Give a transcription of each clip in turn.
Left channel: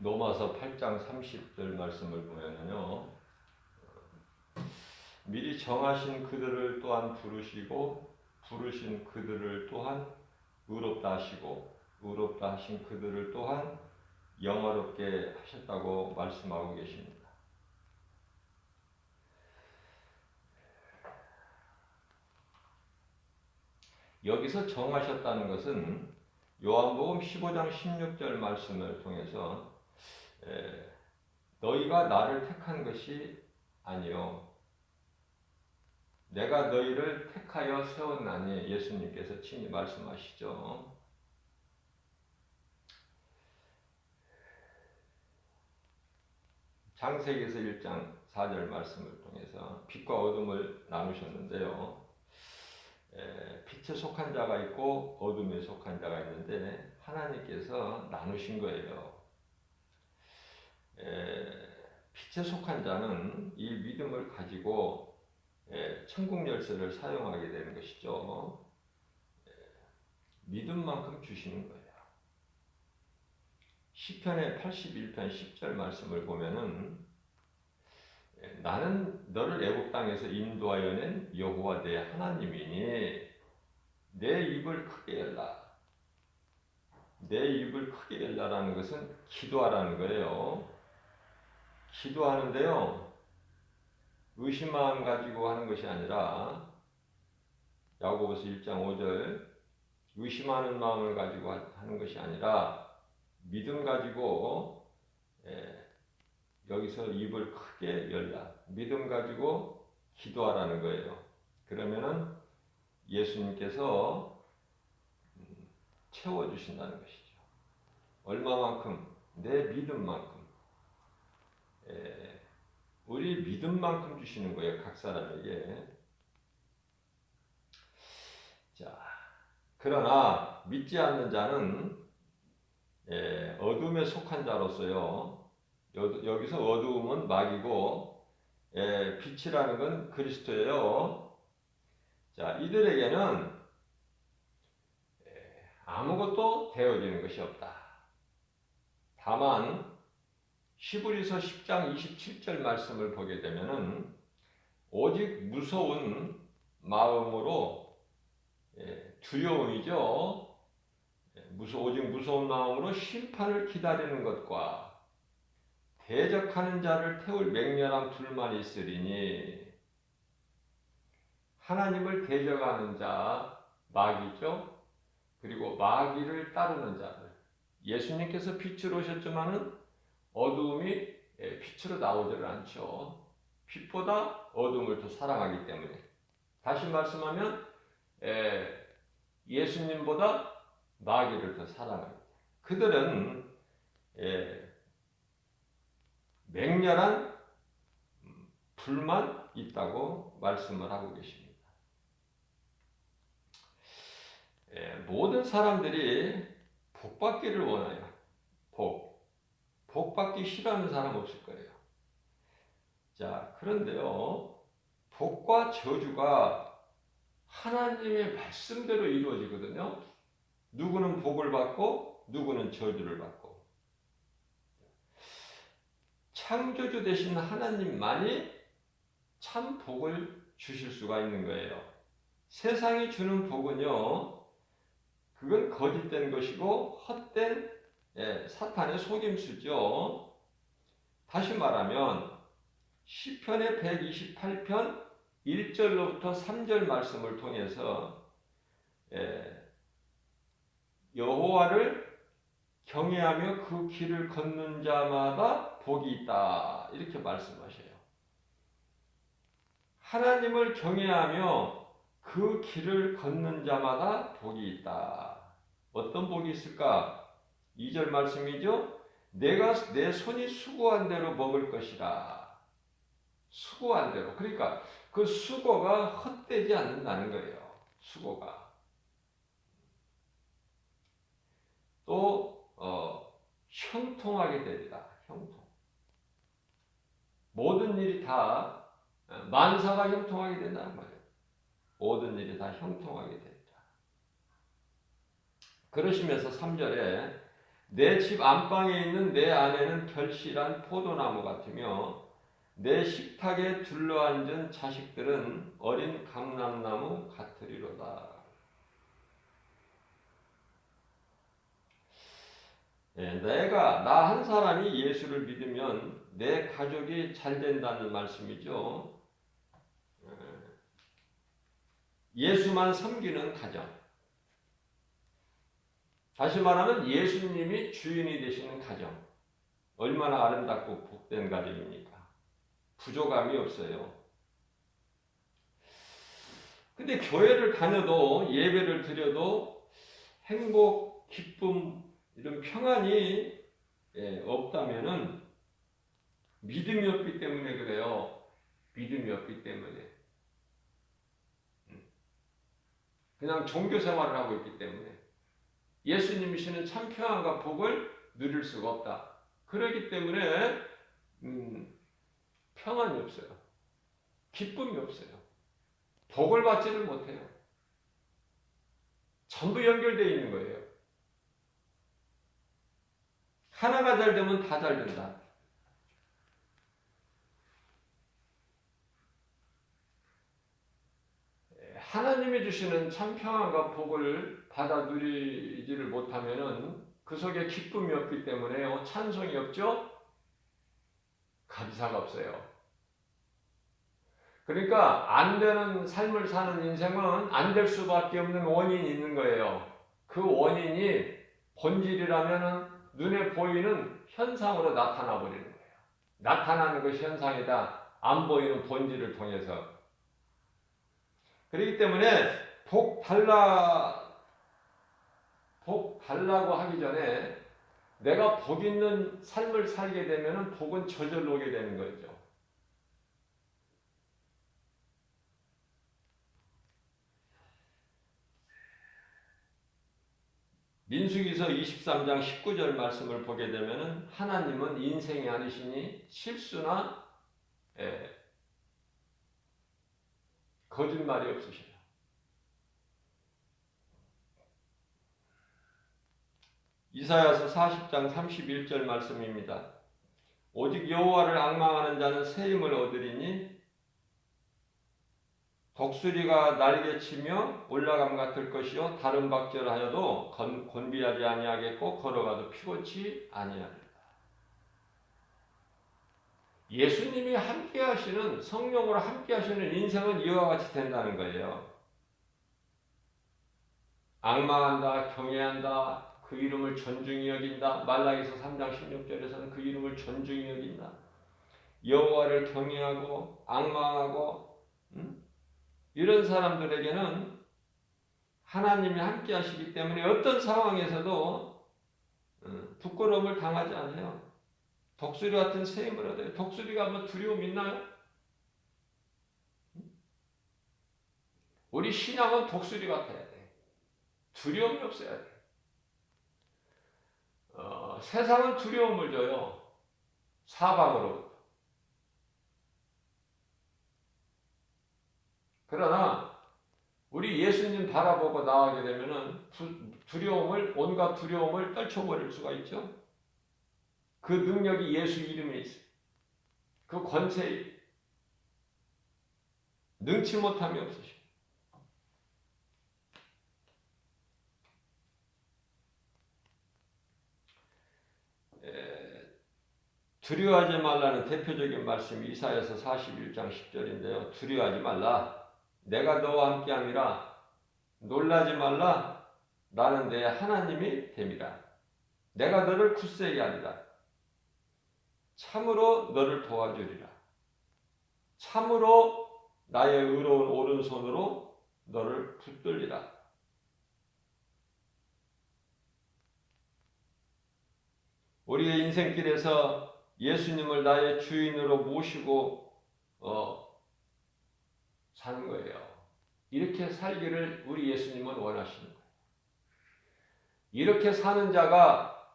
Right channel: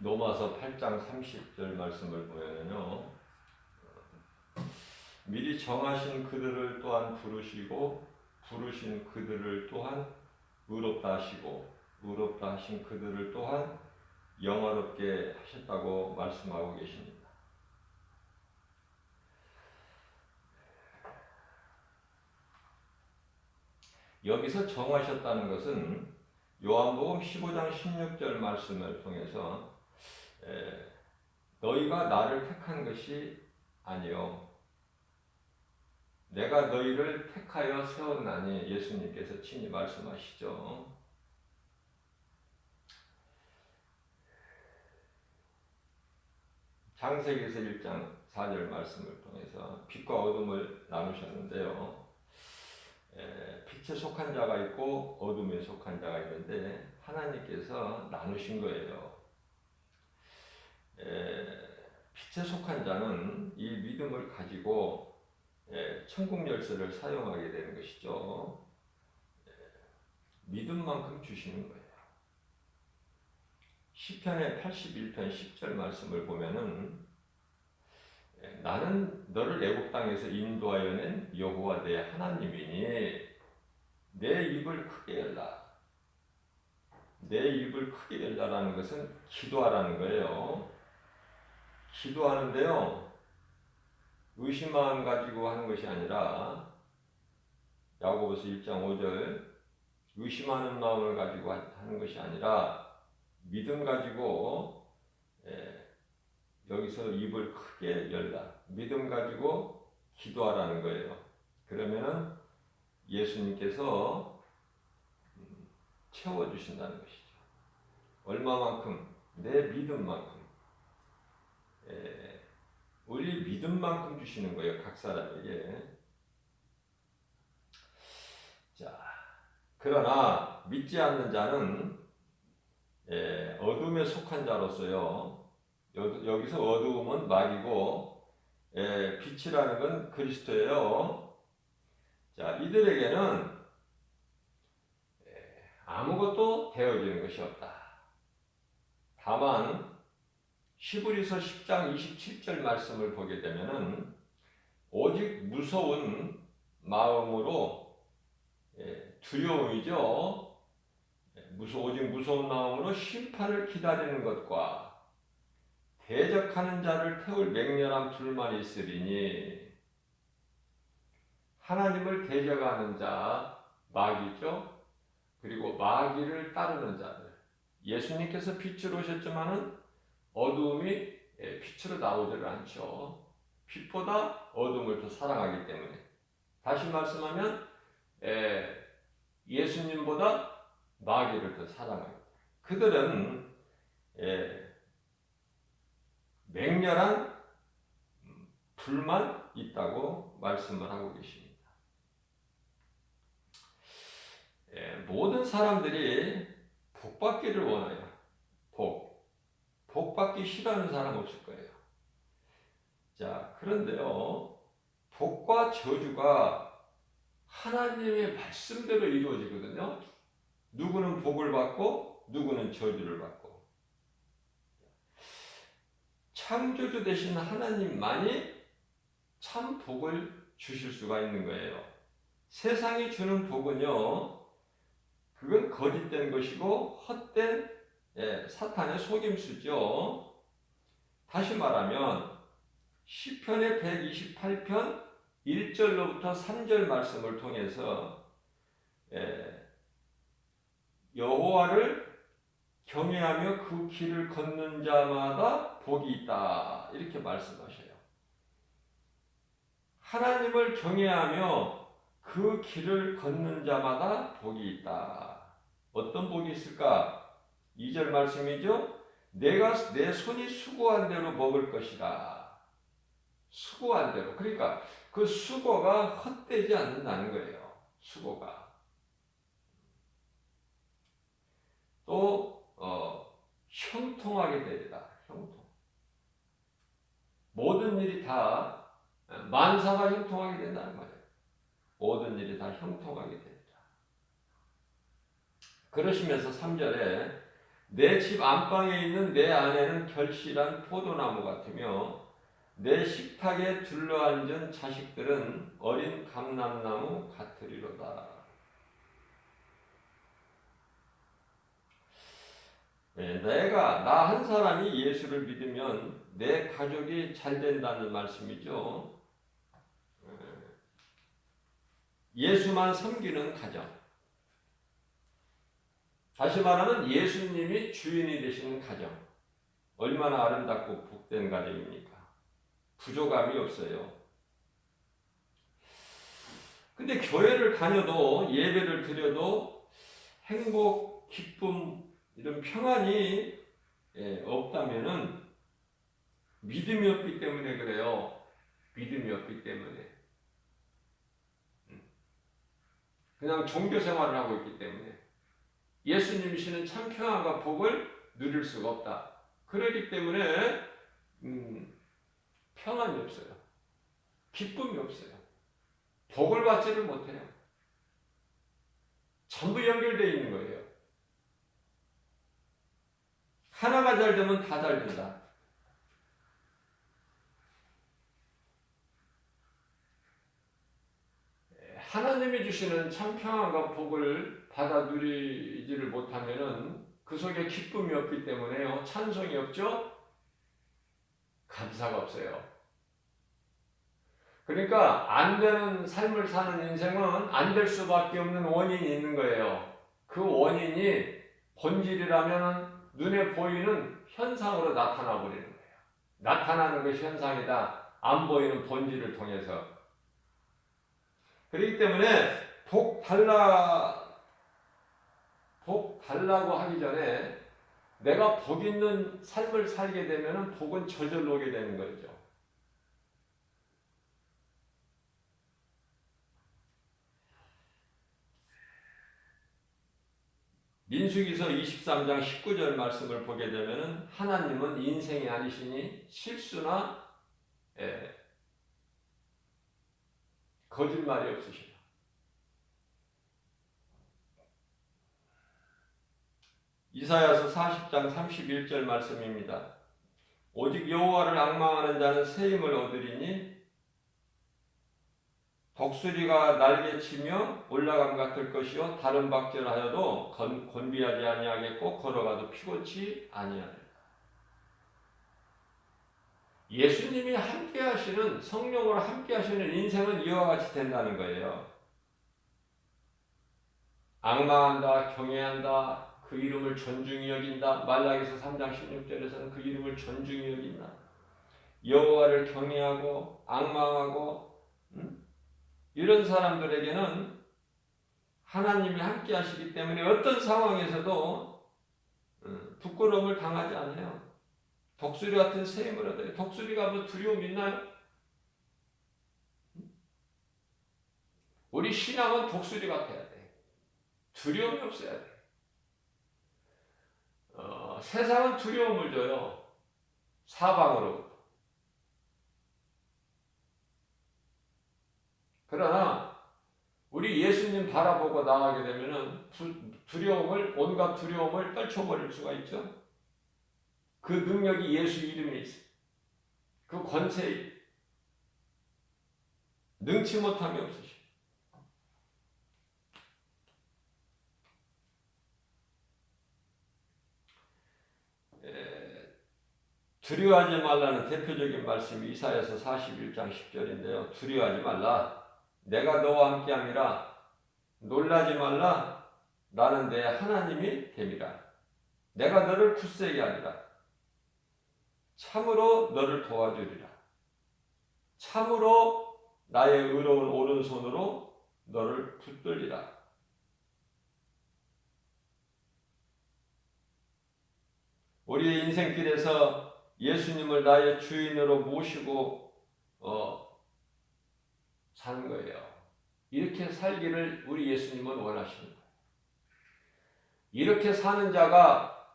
로마서 8장 30절 말씀을 보면요. 미리 정하신 그들을 또한 부르시고 부르신 그들을 또한 의롭다 하시고 의롭다 하신 그들을 또한 영화롭게 하셨다고 말씀하고 계십니다. 여기서 정하셨다는 것은 요한복음 15장 16절 말씀을 통해서 너희가 나를 택한 것이 아니요 내가 너희를 택하여 세웠나니 예수님께서 친히 말씀하시죠. 창세기에서 1장 4절 말씀을 통해서 빛과 어둠을 나누셨는데요. 빛에 속한 자가 있고 어둠에 속한 자가 있는데 하나님께서 나누신 거예요. 빛에 속한 자는 이 믿음을 가지고 천국 열쇠를 사용하게 되는 것이죠. 믿음만큼 주시는 거예요. 시편의 81편 10절 말씀을 보면은 나는 너를 애굽 땅에서 인도하여 낸 여호와 내 하나님이니 내 입을 크게 열라. 내 입을 크게 열라라는 것은 기도하라는 거예요. 기도하는데요. 의심 마음 가지고 하는 것이 아니라 야고보서 1장 5절 의심하는 마음을 가지고 하는 것이 아니라 믿음 가지고 여기서 입을 크게 열라. 믿음 가지고 기도하라는 거예요. 그러면은 예수님께서 채워주신다는 것이죠. 얼마만큼? 내 믿음만큼. 우리 믿음만큼 주시는 거예요. 각 사람에게. 자, 그러나 믿지 않는 자는 어둠에 속한 자로서요. 여기서 어두움은 마귀고 빛이라는 건 그리스도예요. 자, 이들에게는 아무것도 되어지는 것이 없다. 다만 히브리서 10장 27절 말씀을 보게 되면은 오직 무서운 마음으로 두려움이죠. 오직 무서운 마음으로 심판을 기다리는 것과 대적하는 자를 태울 맹렬한 불만이 있으리니 하나님을 대적하는 자 마귀죠. 그리고 마귀를 따르는 자들. 예수님께서 빛으로 오셨지만은 어두움이 빛으로 나오지를 않죠. 빛보다 어둠을 더 사랑하기 때문에. 다시 말씀하면 예수님보다 마귀를 더 사랑합니다. 그들은 맹렬한 불만 있다고 말씀을 하고 계십니다. 모든 사람들이 복받기를 원해요. 복받기 싫어하는 사람 없을 거예요. 자, 그런데요, 복과 저주가 하나님의 말씀대로 이루어지거든요. 누구는 복을 받고 누구는 저주를 받고. 창조주 되신 하나님만이 참 복을 주실 수가 있는 거예요. 세상이 주는 복은요, 그건 거짓된 것이고 헛된 사탄의 속임수죠. 다시 말하면 시편의 128편 1절로부터 3절 말씀을 통해서 여호와를 경외하며 그 길을 걷는 자마다 복이 있다. 이렇게 말씀하셔요. 하나님을 경외하며 그 길을 걷는 자마다 복이 있다. 어떤 복이 있을까? 2절 말씀이죠. 내가 내 손이 수고한 대로 먹을 것이다. 수고한 대로. 그러니까 그 수고가 헛되지 않는다는 거예요. 수고가. 또 형통하게 되리라. 형통. 모든 일이 다 만사가 형통하게 된다는 거예요. 모든 일이 다 형통하게 된다. 그러시면서 3절에 내 집 안방에 있는 내 아내는 결실한 포도나무 같으며 내 식탁에 둘러앉은 자식들은 어린 감람나무 같으리로다. 네, 나 한 사람이 예수를 믿으면 내 가족이 잘 된다는 말씀이죠. 예수만 섬기는 가정. 다시 말하면 예수님이 주인이 되시는 가정. 얼마나 아름답고 복된 가정입니까? 부족함이 없어요. 근데 교회를 다녀도 예배를 드려도 행복, 기쁨, 이런 평안이 없다면은 믿음이 없기 때문에 그래요. 믿음이 없기 때문에. 그냥 종교 생활을 하고 있기 때문에. 예수님이시는 참 평안과 복을 누릴 수가 없다. 그렇기 때문에 평안이 없어요. 기쁨이 없어요. 복을 받지를 못해요. 전부 연결되어 있는 거예요. 하나가 잘 되면 다 잘 된다. 하나님이 주시는 참 평안과 복을 받아 누리지를 못하면은 그 속에 기쁨이 없기 때문에 찬송이 없죠? 감사가 없어요. 그러니까 안 되는 삶을 사는 인생은 안 될 수밖에 없는 원인이 있는 거예요. 그 원인이 본질이라면 눈에 보이는 현상으로 나타나 버리는 거예요. 나타나는 것이 현상이다. 안 보이는 본질을 통해서. 그렇기 때문에 복 달라고 하기 전에 내가 복 있는 삶을 살게 되면 복은 저절로 오게 되는 거죠. 민수기서 23장 19절 말씀을 보게 되면 하나님은 인생이 아니시니 실수나 거짓말이 없으시다. 이사야서 40장 31절 말씀입니다. 오직 여호와를 앙망하는 자는 새 힘을 얻으리니 독수리가 날개치며 올라감 같을 것이요 다른 박질하여도 곤비하지 아니하겠고 걸어가도 피곤치 아니하리라. 예수님이 함께하시는 성령으로 함께하시는 인생은 이와 같이 된다는 거예요. 앙망한다, 경외한다, 그 이름을 존중히 여긴다. 말라기서 3장 16절에서는 그 이름을 존중히 여긴다. 여호와를 경외하고 앙망하고 이런 사람들에게는 하나님이 함께 하시기 때문에 어떤 상황에서도 부끄러움을 당하지 않아요. 독수리 같은 새 힘을 얻어요. 독수리가 뭐 두려움 있나요? 우리 신앙은 독수리 같아야 돼. 두려움이 없어야 돼. 세상은 두려움을 줘요. 사방으로. 그러나 우리 예수님 바라보고 나가게 되면은 온갖 두려움을 떨쳐버릴 수가 있죠. 그 능력이 예수 이름에 있어요. 그 권세에 능치 못함이 없으시죠. 두려워하지 말라는 대표적인 말씀이 이사야서 41장 10절인데요. 두려워하지 말라. 내가 너와 함께함이라. 놀라지 말라. 나는 내 하나님이 됨이라. 내가 너를 굳세게 하리라. 참으로 너를 도와주리라. 참으로 나의 의로운 오른손으로 너를 붙들리라. 우리의 인생길에서 예수님을 나의 주인으로 모시고 사는 거예요. 이렇게 살기를 우리 예수님은 원하시는 거예요. 이렇게 사는 자가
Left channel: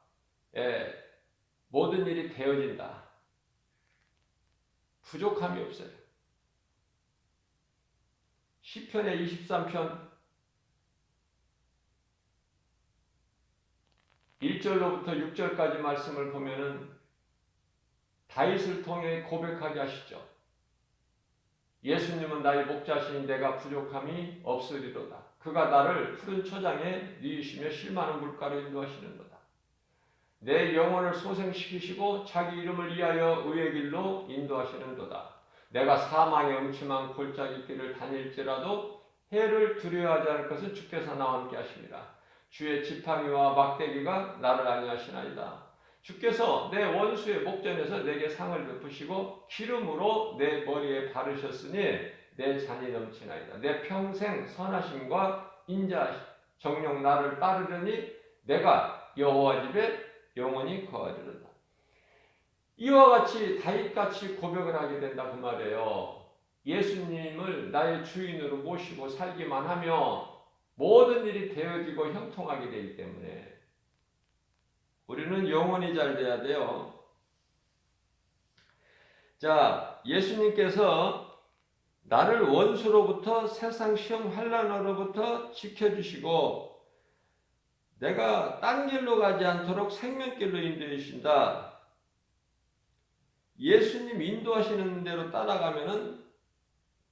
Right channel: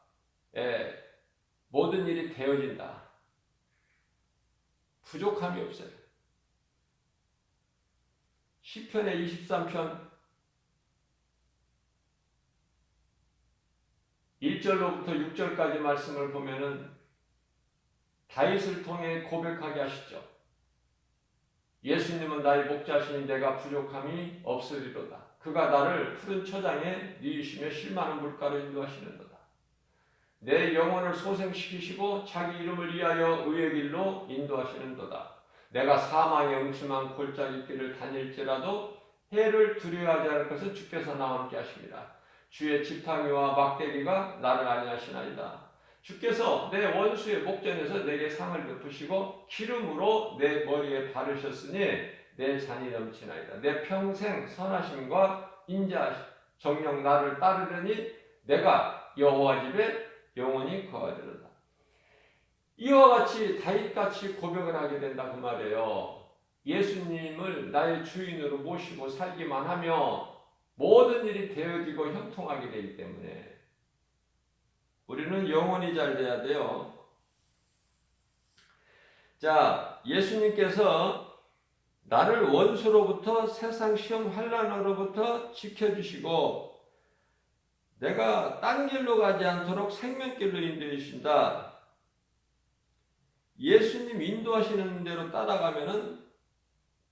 모든 일이 되어진다. 부족함이 없어요. 시편의 23편 1절 1절로부터 6절까지 말씀을 보면은 다윗을 통해 고백하게 하시죠. 예수님은 나의 목자시니 내가 부족함이 없으리로다. 그가 나를 푸른 초장에 누이시며 실만한 물가로 인도하시는도다. 내 영혼을 소생시키시고 자기 이름을 위하여 의의 길로 인도하시는도다. 내가 사망의 음침한 골짜기 길을 다닐지라도 해를 두려워하지 않을 것은 주께서 나와 함께 하십니다. 주의 지팡이와 막대기가 나를 안위하시나이다. 주께서 내 원수의 목전에서 내게 상을 베푸시고 기름으로 내 머리에 바르셨으니 내 잔이 넘치나이다. 내 평생 선하심과 인자 정녕 나를 따르려니 내가 여호와 집에 영원히 거하리로다. 이와 같이 다윗같이 고백을 하게 된다 그 말이에요. 예수님을 나의 주인으로 모시고 살기만 하면 모든 일이 되어지고 형통하게 되기 때문에 우리는 영원히 잘 돼야 돼요. 자, 예수님께서 나를 원수로부터 세상 시험 환난으로부터 지켜주시고 내가 딴 길로 가지 않도록 생명길로 인도해 주신다. 예수님 인도하시는 대로 따라가면은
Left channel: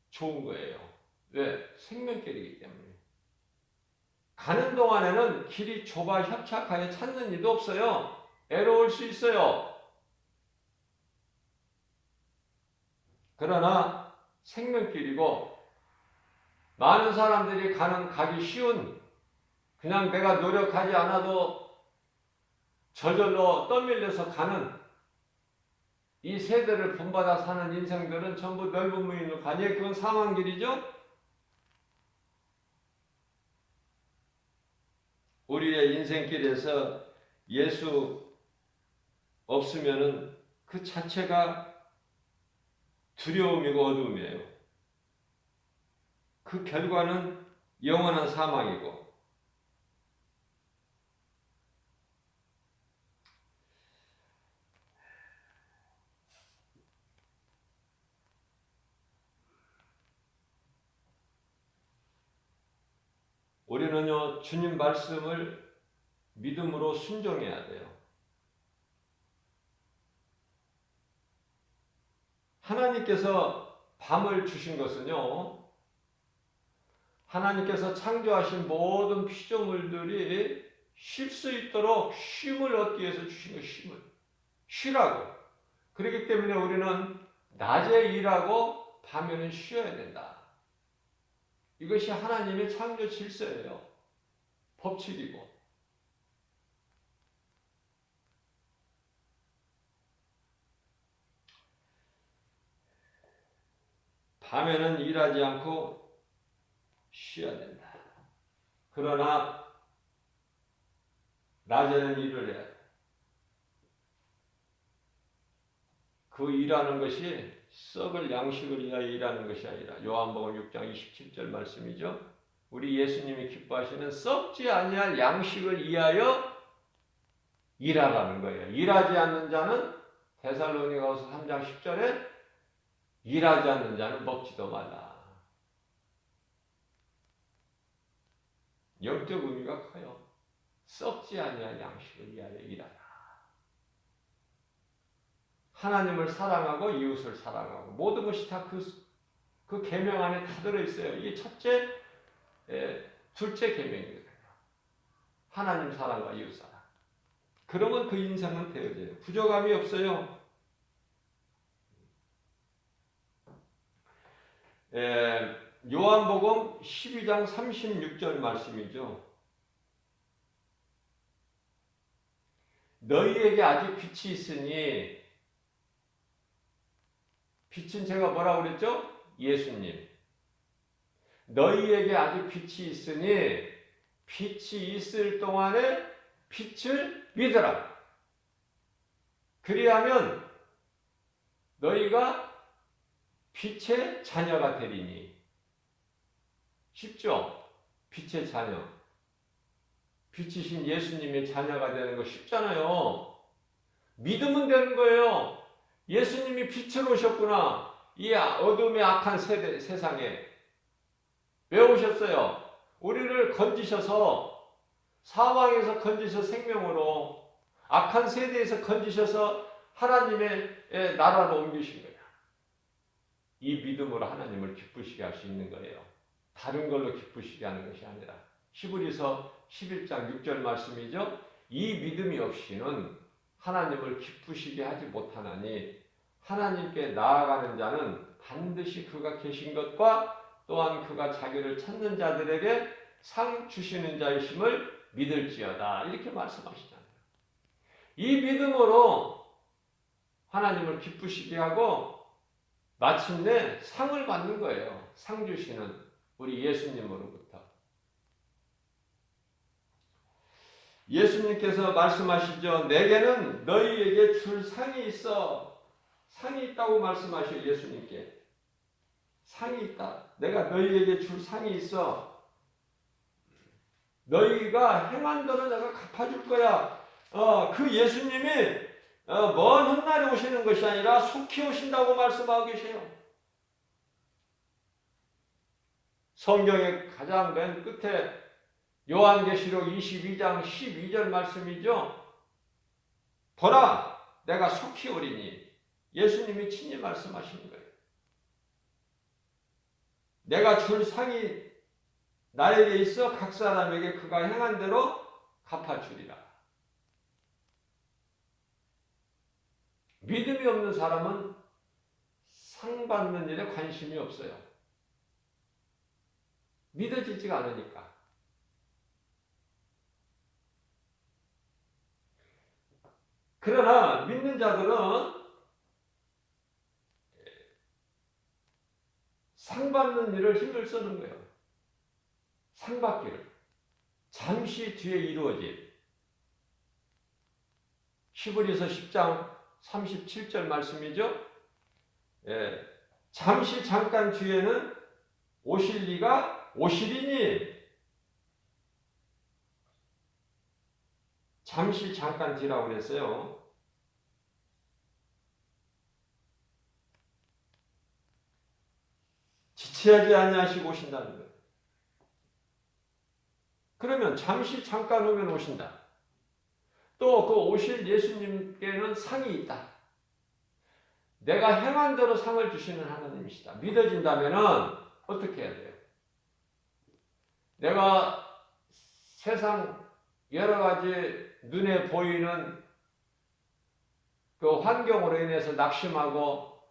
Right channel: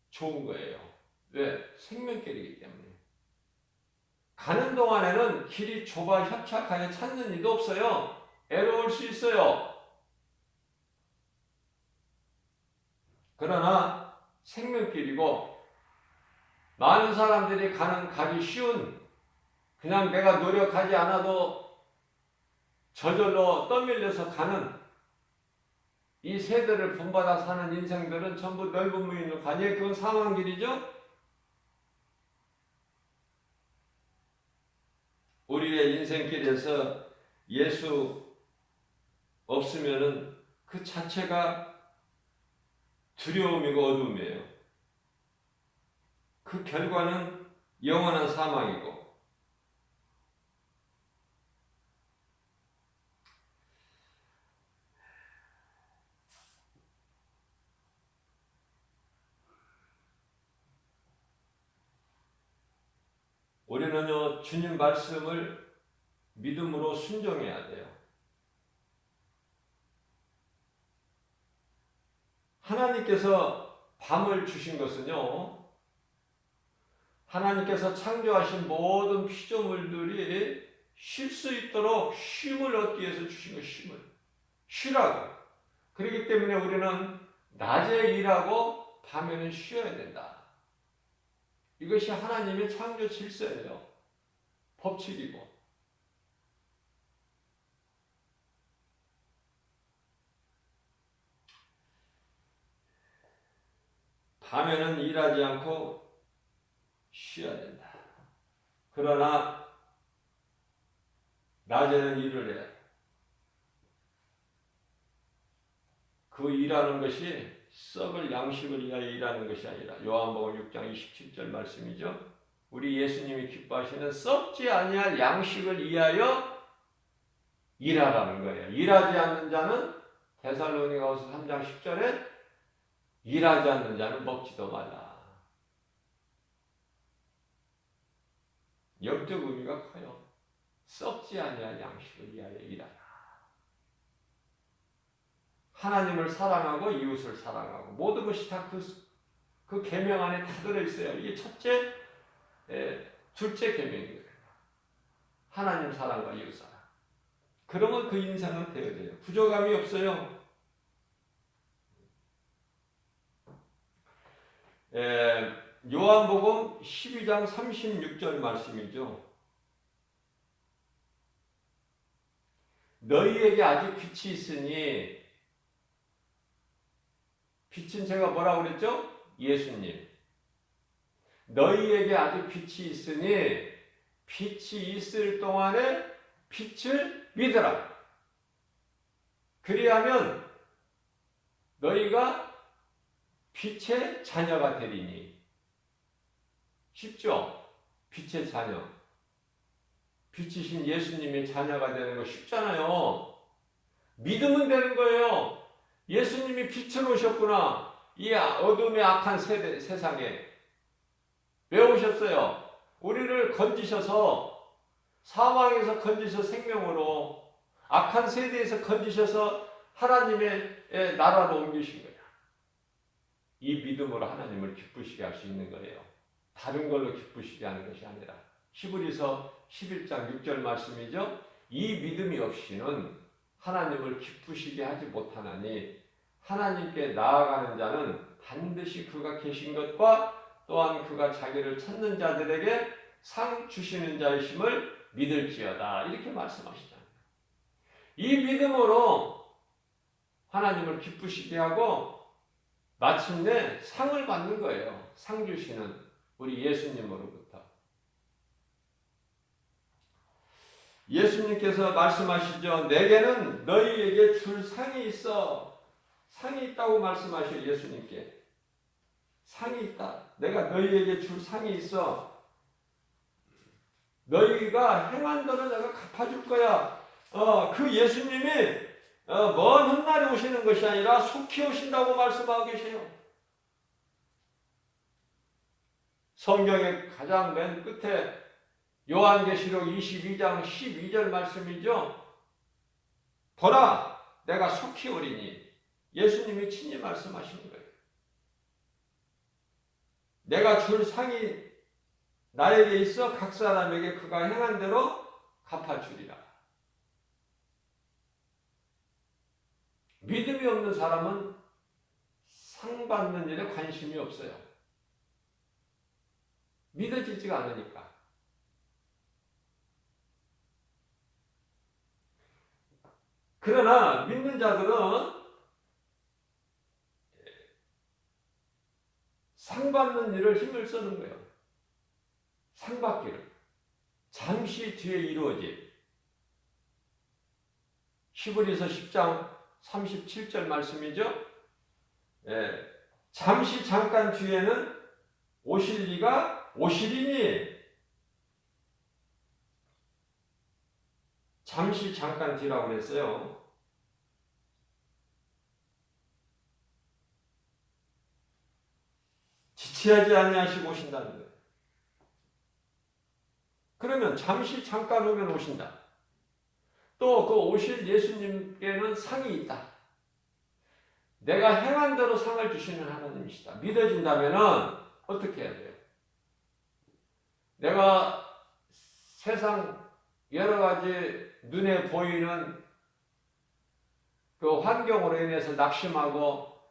좋은 거예요. 왜? 생명길이기 때문에. 가는 동안에는 길이 좁아 협착하여 찾는 일도 없어요. 애로울 수 있어요. 그러나 생명길이고 많은 사람들이 가기 쉬운 그냥 내가 노력하지 않아도 저절로 떠밀려서 가는 이 세대를 본받아 사는 인생들은 전부 넓은 무인으로 가니 그건 사망길이죠. 우리의 인생길에서 예수 없으면은 그 자체가 두려움이고 어둠이에요. 그 결과는 영원한 사망이고 우리는요 주님 말씀을 믿음으로 순종해야 돼요. 하나님께서 밤을 주신 것은요 하나님께서 창조하신 모든 피조물들이 쉴 수 있도록 쉼을 얻기 위해서 주신 거 쉼을 쉬라고. 그렇기 때문에 우리는 낮에 일하고 밤에는 쉬어야 된다. 이것이 하나님의 창조 질서예요. 법칙이고. 밤에는 일하지 않고 쉬어야 된다. 그러나 낮에는 일을 해야 돼. 그 일하는 것이 썩을 양식을 위하여 일하는 것이 아니라 요한복음 6장 27절 말씀이죠. 우리 예수님이 기뻐하시는 썩지 아니할 양식을 위하여 일하라는 거예요. 일하지 않는 자는 데살로니가서 3장 10절에 일하지 않는 자는 먹지도 말라. 영적 의미가 커요. 썩지 아니할 양식을 위하여 일하라. 하나님을 사랑하고 이웃을 사랑하고 모든 것이 다 그 계명 안에 다 들어있어요. 이게 첫째, 둘째 계명입니다. 하나님 사랑과 이웃 사랑. 그러면 그 인생은 되어져요. 부족함이 없어요. 요한복음 12장 36절 말씀이죠. 너희에게 아직 빛이 있으니 빛은 제가 뭐라고 그랬죠? 예수님. 너희에게 아직 빛이 있으니 빛이 있을 동안에 빛을 믿으라. 그리하면 너희가 빛의 자녀가 되리니. 쉽죠? 빛의 자녀. 빛이신 예수님의 자녀가 되는 거 쉽잖아요. 믿으면 되는 거예요. 예수님이 빛을 오셨구나. 이 어둠의 악한 세상에 왜 오셨어요? 우리를 건지셔서 사망에서 건지셔 생명으로, 악한 세대에서 건지셔서 하나님의 나라로 옮기신 거예요. 이 믿음으로 하나님을 기쁘시게 할 수 있는 거예요. 다른 걸로 기쁘시게 하는 것이 아니라. 히브리서 11장 6절 말씀이죠. 이 믿음이 없이는 하나님을 기쁘시게 하지 못하나니 하나님께 나아가는 자는 반드시 그가 계신 것과 또한 그가 자기를 찾는 자들에게 상 주시는 자이심을 믿을지어다. 이렇게 말씀하시잖아요. 이 믿음으로 하나님을 기쁘시게 하고 마침내 상을 받는 거예요. 상 주시는 우리 예수님으로부터. 예수님께서 말씀하시죠. 내게는 너희에게 줄 상이 있어. 상이 있다고 말씀하셔요. 예수님께. 상이 있다. 내가 너희에게 줄 상이 있어. 너희가 행한 대로 내가 갚아줄 거야. 그 예수님이 먼 훗날에 오시는 것이 아니라 속히 오신다고 말씀하고 계세요. 성경의 가장 맨 끝에 요한계시록 22장 12절 말씀이죠. 보라, 내가 속히 오리니. 예수님이 친히 말씀하시는 거예요. 내가 줄 상이 나에게 있어 각 사람에게 그가 행한 대로 갚아주리라. 믿음이 없는 사람은 상 받는 일에 관심이 없어요. 믿어지지가 않으니까. 그러나 믿는 자들은 상 받는 일을 힘을 쓰는 거예요. 상 받기를. 잠시 뒤에 이루어질. 히브리서 10장 37절 말씀이죠. 잠시 잠깐 뒤에는 오실 이가 오시리니. 잠시 잠깐 뒤라고 그랬어요. 지체하지 아니하시고 오신다는 거예요. 그러면 잠시 잠깐 오면 오신다. 또 그 오실 예수님께는 상이 있다. 내가 행한 대로 상을 주시는 하나님이시다. 믿어진다면 어떻게 해야 돼요? 내가 세상 여러 가지 눈에 보이는 그 환경으로 인해서 낙심하고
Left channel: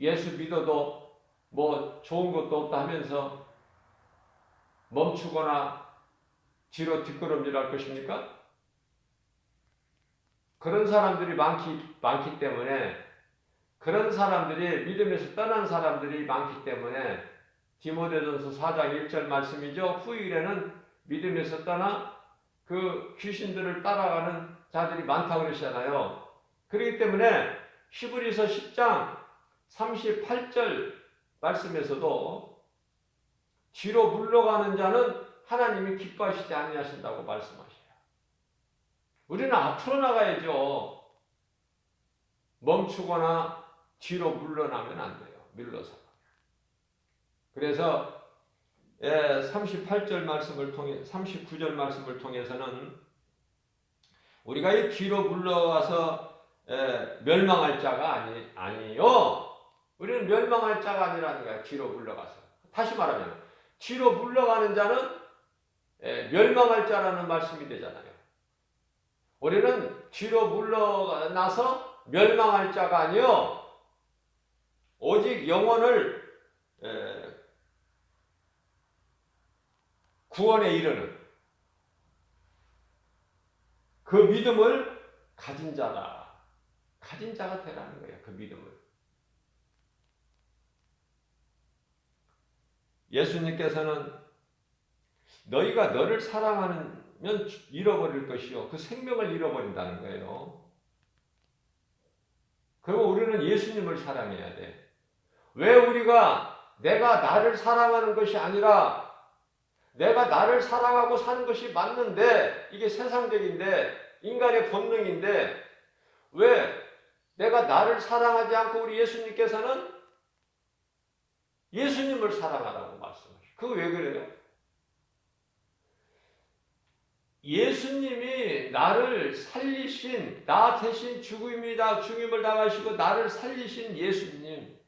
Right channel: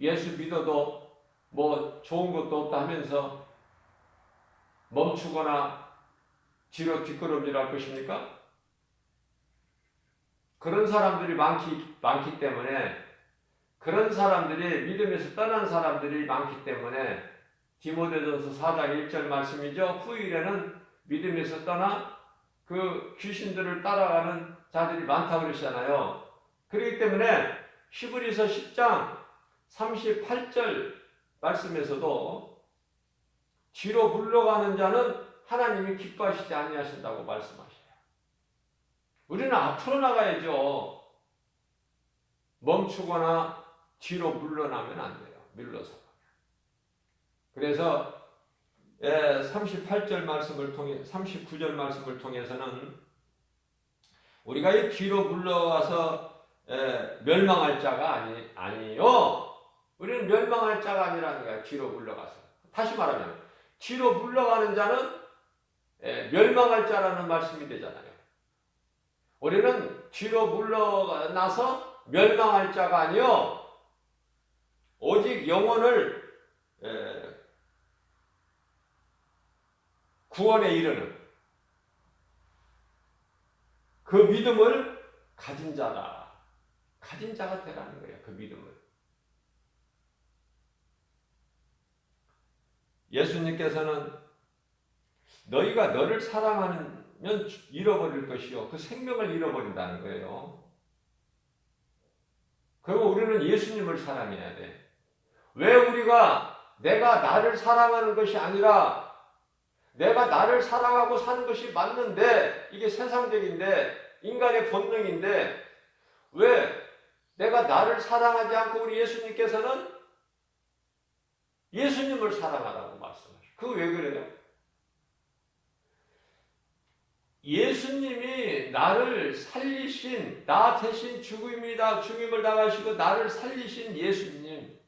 예수 믿어도 뭐 좋은 것도 없다 하면서 멈추거나 뒤로 뒷걸음질할 것입니까? 그런 사람들이 많기 때문에, 그런 사람들이 믿음에서 떠난 사람들이 많기 때문에 디모데전서 4장 1절 말씀이죠. 후일에는 믿음에서 떠나 그 귀신들을 따라가는 자들이 많다고 그러시잖아요. 그렇기 때문에 히브리서 10장 38절 말씀에서도 뒤로 물러가는 자는 하나님이 기뻐하시지 아니하신다고 말씀하셔요. 우리는 앞으로 나가야죠. 멈추거나 뒤로 물러나면 안 돼요. 밀러서. 그래서 38절 말씀을 통해 39절 말씀을 통해서는 우리가 이 뒤로 물러와서 멸망할 자가 아니요. 우리는 멸망할 자가 아니라는 거예요. 뒤로 물러가서. 다시 말하면 뒤로 물러가는 자는 멸망할 자라는 말씀이 되잖아요. 우리는 뒤로 물러나서 멸망할 자가 아니요. 오직 영혼을 구원에 이르는 그 믿음을 가진 자다. 가진 자가 되라는 거예요. 그 믿음을. 예수님께서는 너희가 너를 사랑하면 잃어버릴 것이요. 그 생명을 잃어버린다는 거예요. 그럼 우리는 예수님을 사랑해야 돼. 왜 우리가 내가 나를 사랑하는 것이 아니라 내가 나를 사랑하고 사는 것이 맞는데, 이게 세상적인데 인간의 본능인데 왜 내가 나를 사랑하지 않고 우리 예수님께서는 예수님을 사랑하라고 말씀하셔요. 그거 왜 그래요? 예수님이 나를 살리신, 나 대신 죽음을 당하시고 나를 살리신 예수님.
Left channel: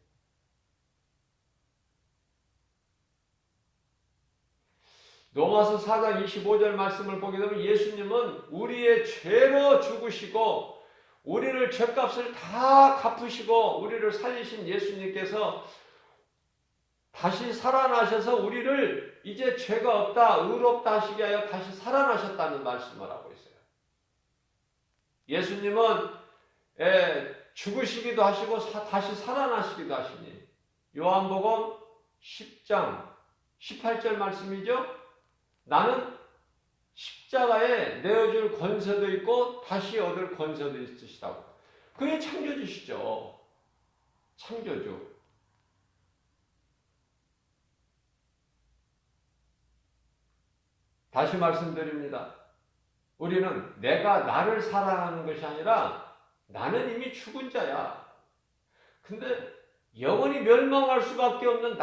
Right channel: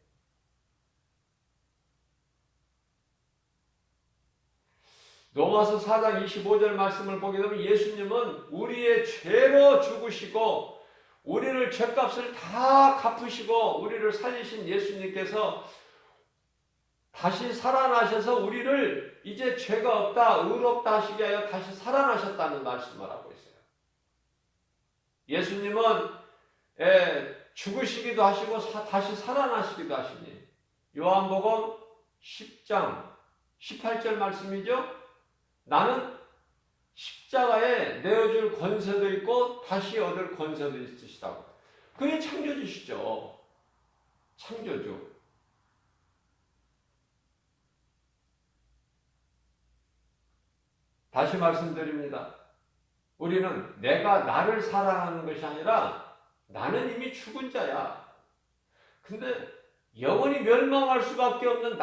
로마서 4장 25절 말씀을 보게 되면 예수님은 우리의 죄로 죽으시고 우리를 죄값을 다 갚으시고 우리를 살리신 예수님께서 다시 살아나셔서 우리를 이제 죄가 없다, 의롭다 하시게 하여 다시 살아나셨다는 말씀을 하고 있어요. 예수님은 죽으시기도 하시고 다시 살아나시기도 하시니 요한복음 10장 18절 말씀이죠. 나는 십자가에 내어줄 권세도 있고 다시 얻을 권세도 있으시다고. 그게 창조주시죠. 창조주. 다시 말씀드립니다. 우리는 내가 나를 사랑하는 것이 아니라 나는 이미 죽은 자야. 근데 영원히 멸망할 수밖에 없는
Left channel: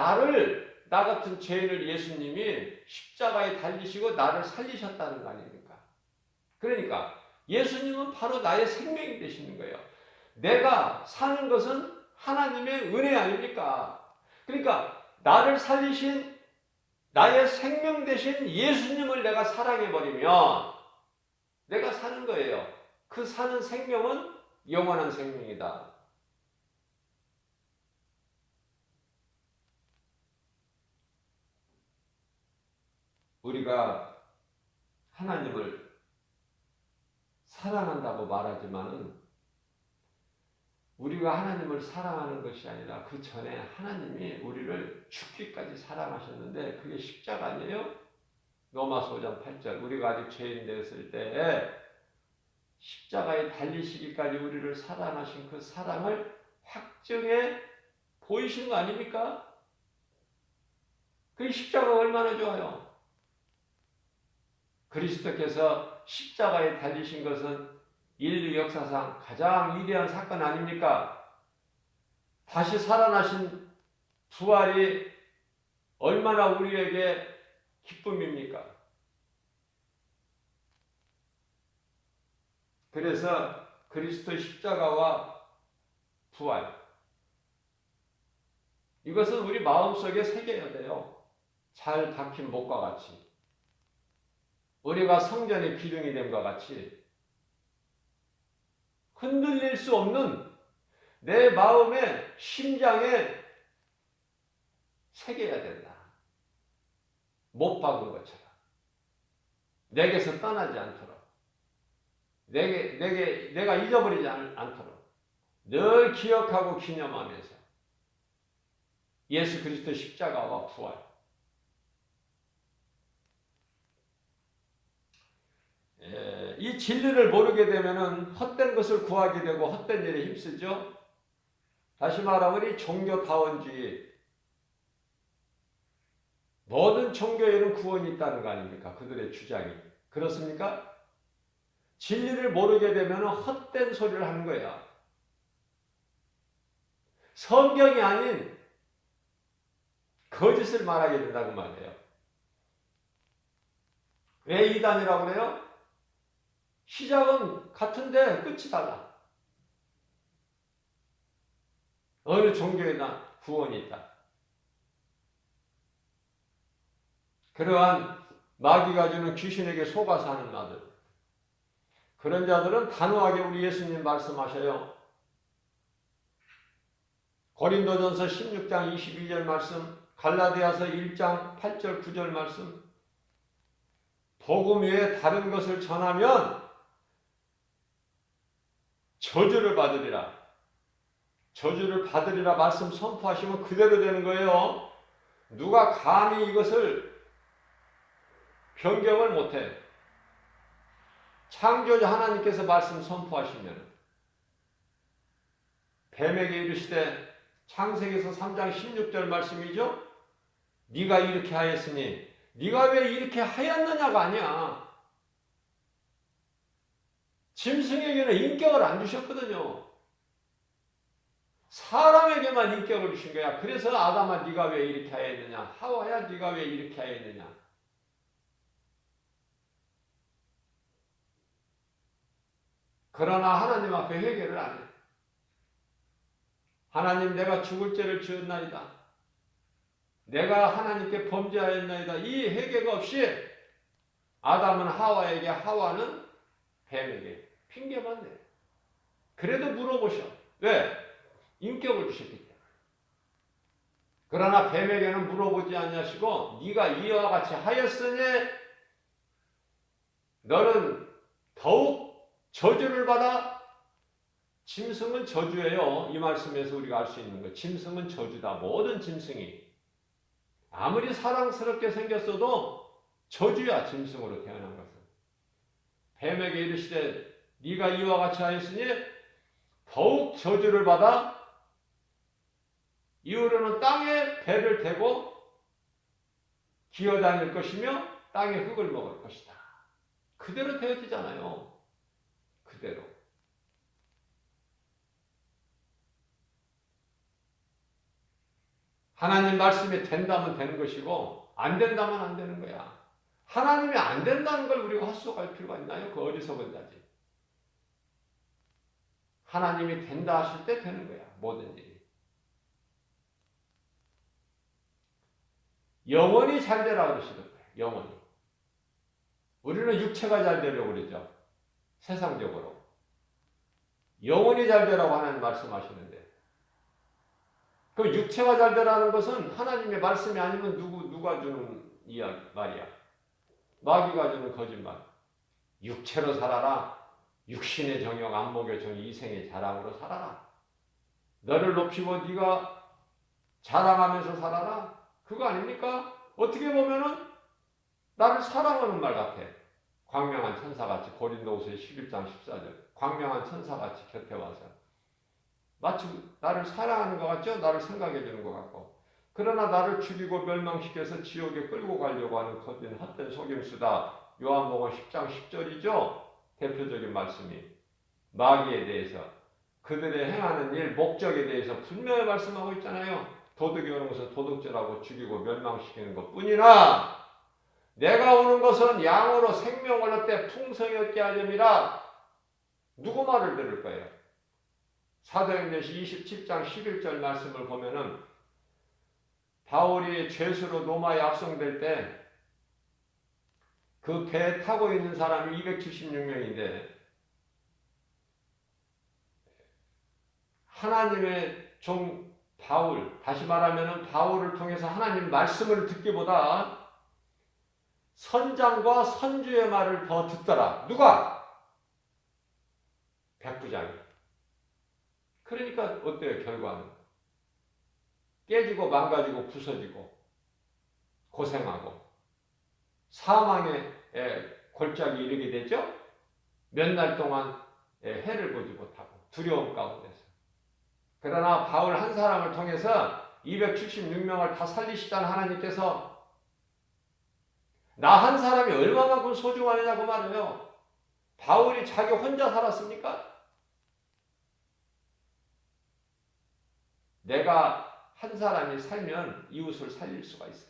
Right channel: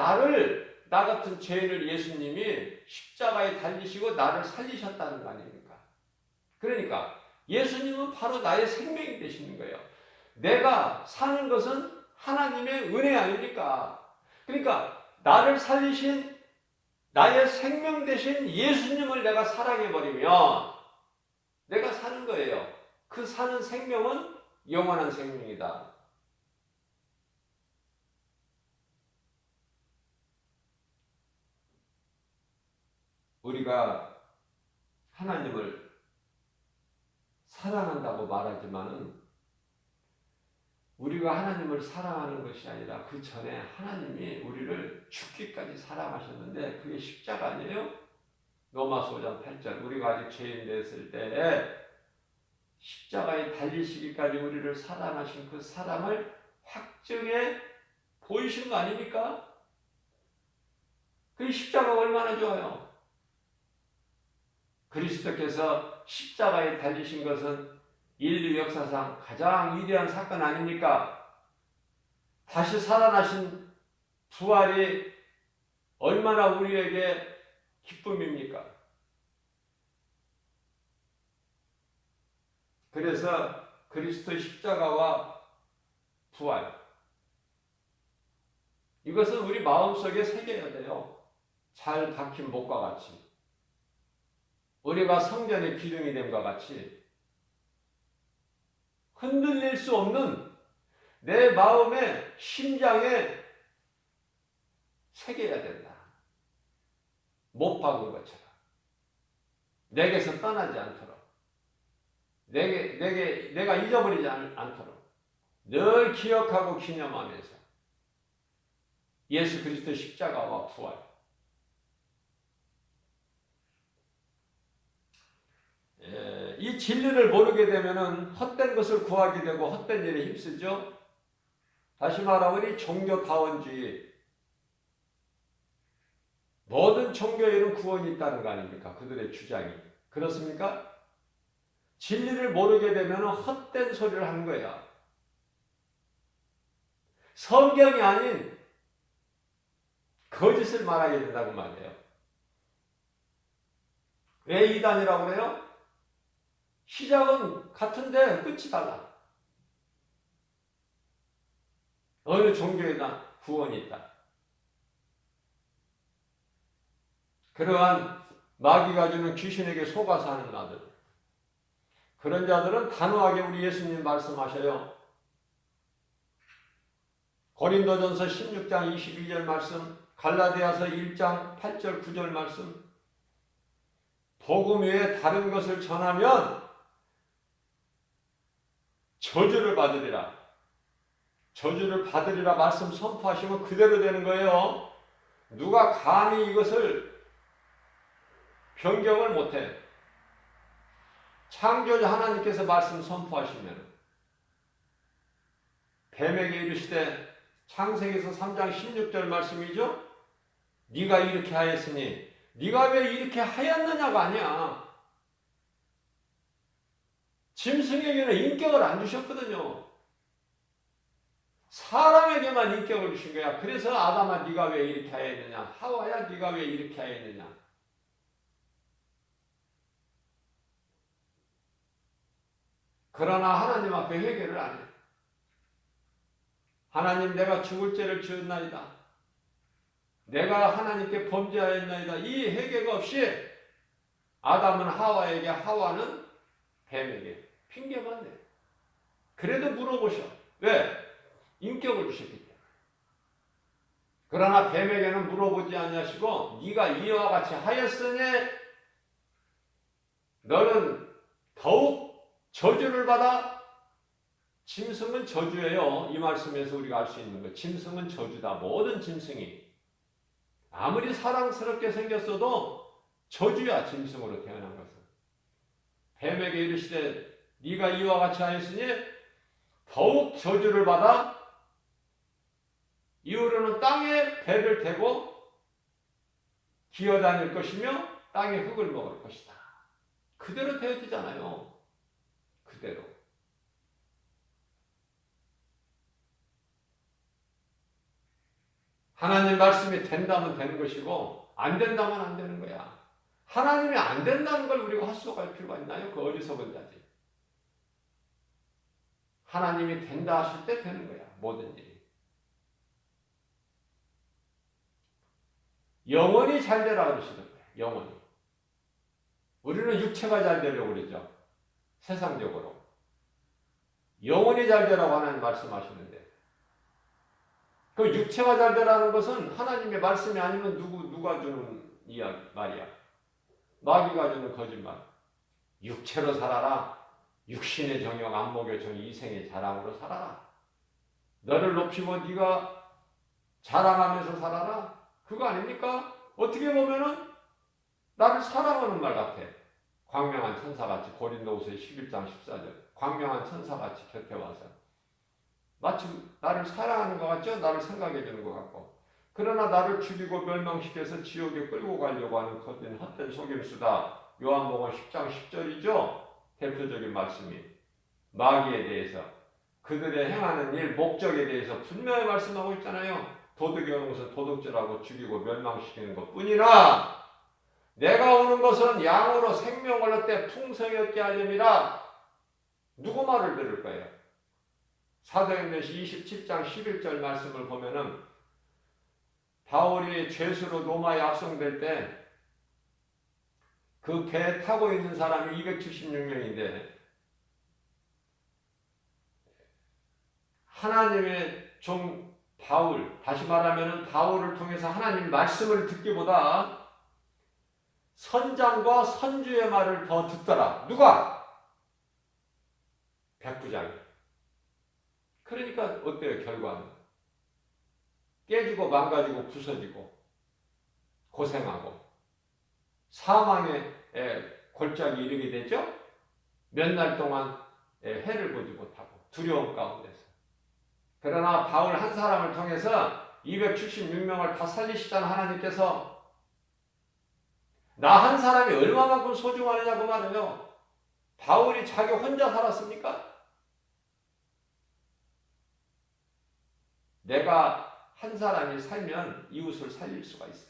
나 같은 죄인을 예수님이 십자가에 달리시고 나를 살리셨다는 거 아닙니까? 그러니까 예수님은 바로 나의 생명이 되시는 거예요. 내가 사는 것은 하나님의 은혜 아닙니까? 그러니까 나를 살리신 나의 생명 되신 예수님을 내가 사랑해버리면 내가 사는 거예요. 그 사는 생명은 영원한 생명이다. 우리가 하나님을 사랑한다고 말하지만은 우리가 하나님을 사랑하는 것이 아니라 그 전에 하나님이 우리를 죽기까지 사랑하셨는데 그게 십자가 아니에요? 로마서 5장 8절 우리가 아직 죄인 됐을 때 십자가에 달리시기까지 우리를 사랑하신 그 사랑을 확정해 보이신 거 아닙니까? 그 십자가가 얼마나 좋아요. 그리스도께서 십자가에 달리신 것은 인류 역사상 가장 위대한 사건 아닙니까? 다시 살아나신 부활이 얼마나 우리에게 기쁨입니까? 그래서 그리스도 십자가와 부활 이것은 우리 마음속에 새겨야 돼요. 잘 박힌 목과 같이 우리가 성전의 기둥이 됨과 같이 흔들릴 수 없는 내 마음의 심장에 새겨야 된다. 못 박은 것처럼 내게서 떠나지 않도록 내가 잊어버리지 않도록 늘 기억하고 기념하면서 예수 그리스도 십자가와 부활 이 진리를 모르게 되면은 헛된 것을 구하게 되고 헛된 일에 힘쓰죠. 다시 말하면 이 종교다원주의 모든 종교에는 구원이 있다는 거 아닙니까? 그들의 주장이 그렇습니까? 진리를 모르게 되면 헛된 소리를 하는 거야. 성경이 아닌 거짓을 말하게 된다는 말이에요. 왜 이단이라고 그래요? 시작은 같은데 끝이 달라. 어느 종교에나 구원이 있다. 그러한 마귀가 주는 귀신에게 속아 사는 자들. 그런 자들은 단호하게 우리 예수님 말씀하셔요. 고린도전서 16장 22절 말씀, 갈라디아서 1장 8절 9절 말씀. 복음 외에 다른 것을 전하면 저주를 받으리라. 저주를 받으리라 말씀 선포하시면 그대로 되는 거예요. 누가 감히 이것을 변경을 못해. 창조자 하나님께서 말씀 선포하시면 뱀에게 이르시되 창세기에서 3장 16절 말씀이죠. 네가 이렇게 하였으니 네가 왜 이렇게 하였느냐가 아니야. 짐승에게는 인격을 안 주셨거든요. 사람에게만 인격을 주신 거야. 그래서 아담아 네가 왜 이렇게 하였느냐. 하와야 네가 왜 이렇게 하였느냐. 그러나 하나님 앞에 회개를 안 해. 하나님, 내가 죽을 죄를 지었나이다. 내가 하나님께 범죄하였나이다. 이 회개가 없이 아담은 하와에게, 하와는 뱀에게 핑계만 내. 그래도 물어보셔. 왜? 인격을 주셨기 때문에. 그러나 뱀에게는 물어보지 아니하시고 네가 이와 같이 하였으니 너는 더욱 저주를 받아. 짐승은 저주예요. 이 말씀에서 우리가 알 수 있는 거. 짐승은 저주다. 모든 짐승이 아무리 사랑스럽게 생겼어도 저주야. 짐승으로 태어난 것은. 뱀에게 이르시되 네가 이와 같이 하였으니 더욱 저주를 받아 이후로는 땅에 배를 대고 기어다닐 것이며 땅의 흙을 먹을 것이다. 그대로 되어지잖아요. 그대로. 하나님 말씀이 된다면 되는 것이고 안 된다면 안 되는 거야. 하나님이 안 된다는 걸 우리가 헛소갈 필요가 있나요? 그 어리석은 자지. 하나님이 된다 하실 때 되는 거야. 모든 일이. 영원히 잘 되라 그러시던데. 영원히. 우리는 육체가 잘 되려고 그러죠. 세상적으로. 영원히 잘 되라고 하나님 말씀하시는데. 그 육체가 잘 되라는 것은 하나님의 말씀이 아니면 누가 주는 말이야. 마귀가 주는 거짓말. 육체로 살아라. 육신의 정욕 안 먹여준 이생의 자랑으로 살아라. 너를 높이고 네가 자랑하면서 살아라. 그거 아닙니까? 어떻게 보면은 나를 사랑하는 말 같아. 광명한 천사같이. 고린도후서 11장 14절. 광명한 천사같이 곁에 와서 마치 나를 사랑하는 것 같죠? 나를 생각해 주는 것 같고. 그러나 나를 죽이고 멸망시켜서 지옥에 끌고 가려고 하는 헛된 속임수다. 요한복음 10장 10절이죠. 대표적인 말씀이 마귀에 대해서 그들의 행하는 일, 목적에 대해서 분명히 말씀하고 있잖아요. 도둑이 오는 것은 도둑질하고 죽이고 멸망시키는 것뿐이나 내가 오는 것은 양으로 생명을 얻되 풍성히 얻게 하려니라. 누구 말을 들을 거예요? 사도행전 27장 11절 말씀을 보면은 바울이 죄수로 로마에 압송될 때 그 배에 타고 있는 사람이 276명인데 하나님의 종 바울, 다시 말하면 바울을 통해서 하나님 말씀을 듣기보다 선장과 선주의 말을 더 듣더라. 누가? 백부장이. 그러니까 어때요? 결과는? 깨지고 망가지고 부서지고 고생하고 사망의 골짜기에 이르게 되죠. 몇 날 동안 해를 보지 못하고 두려움 가운데서. 그러나 바울 한 사람을 통해서 276명을 다 살리시던 하나님께서 나 한 사람이 얼마만큼 소중하냐고 말해요. 바울이 자기 혼자 살았습니까? 내가 한 사람이 살면 이웃을 살릴 수가 있어요.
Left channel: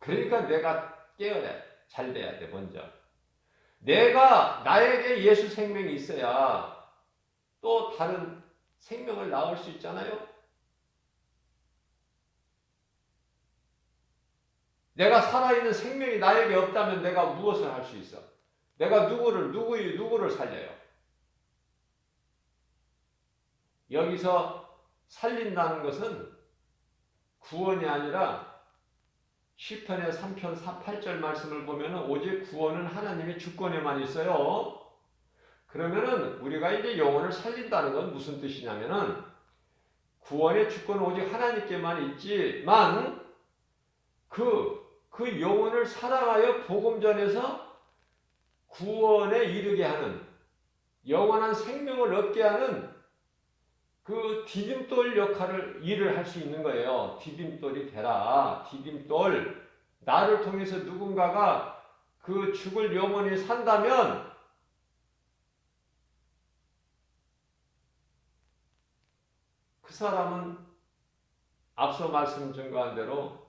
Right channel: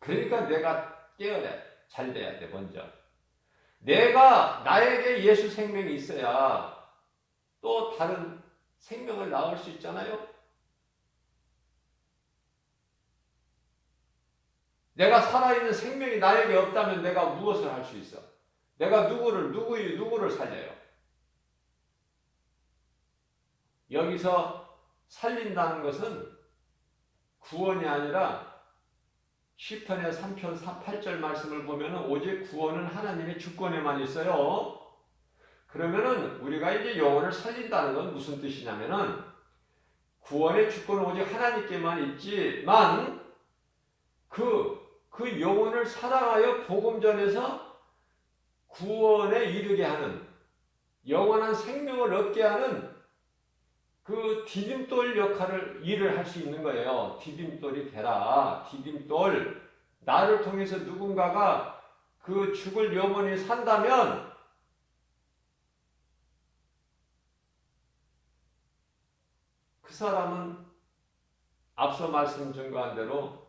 그러니까 내가 깨어야 잘 돼야 돼. 먼저 내가 나에게 예수 생명이 있어야 또 다른 생명을 낳을 수 있잖아요. 내가 살아있는 생명이 나에게 없다면 내가 무엇을 할 수 있어? 내가 누구를 살려요? 여기서 살린다는 것은 구원이 아니라 시편의 3편 8절 말씀을 보면 오직 구원은 하나님의 주권에만 있어요. 그러면은 우리가 이제 영혼을 살린다는 건 무슨 뜻이냐면은 구원의 주권은 오직 하나님께만 있지만 그 영혼을 사랑하여 복음 전해서 구원에 이르게 하는 영원한 생명을 얻게 하는 그 디딤돌 일을 할 수 있는 거예요. 디딤돌이 되라. 디딤돌. 나를 통해서 누군가가 그 죽을 영혼이 산다면 그 사람은 앞서 말씀 증거한 대로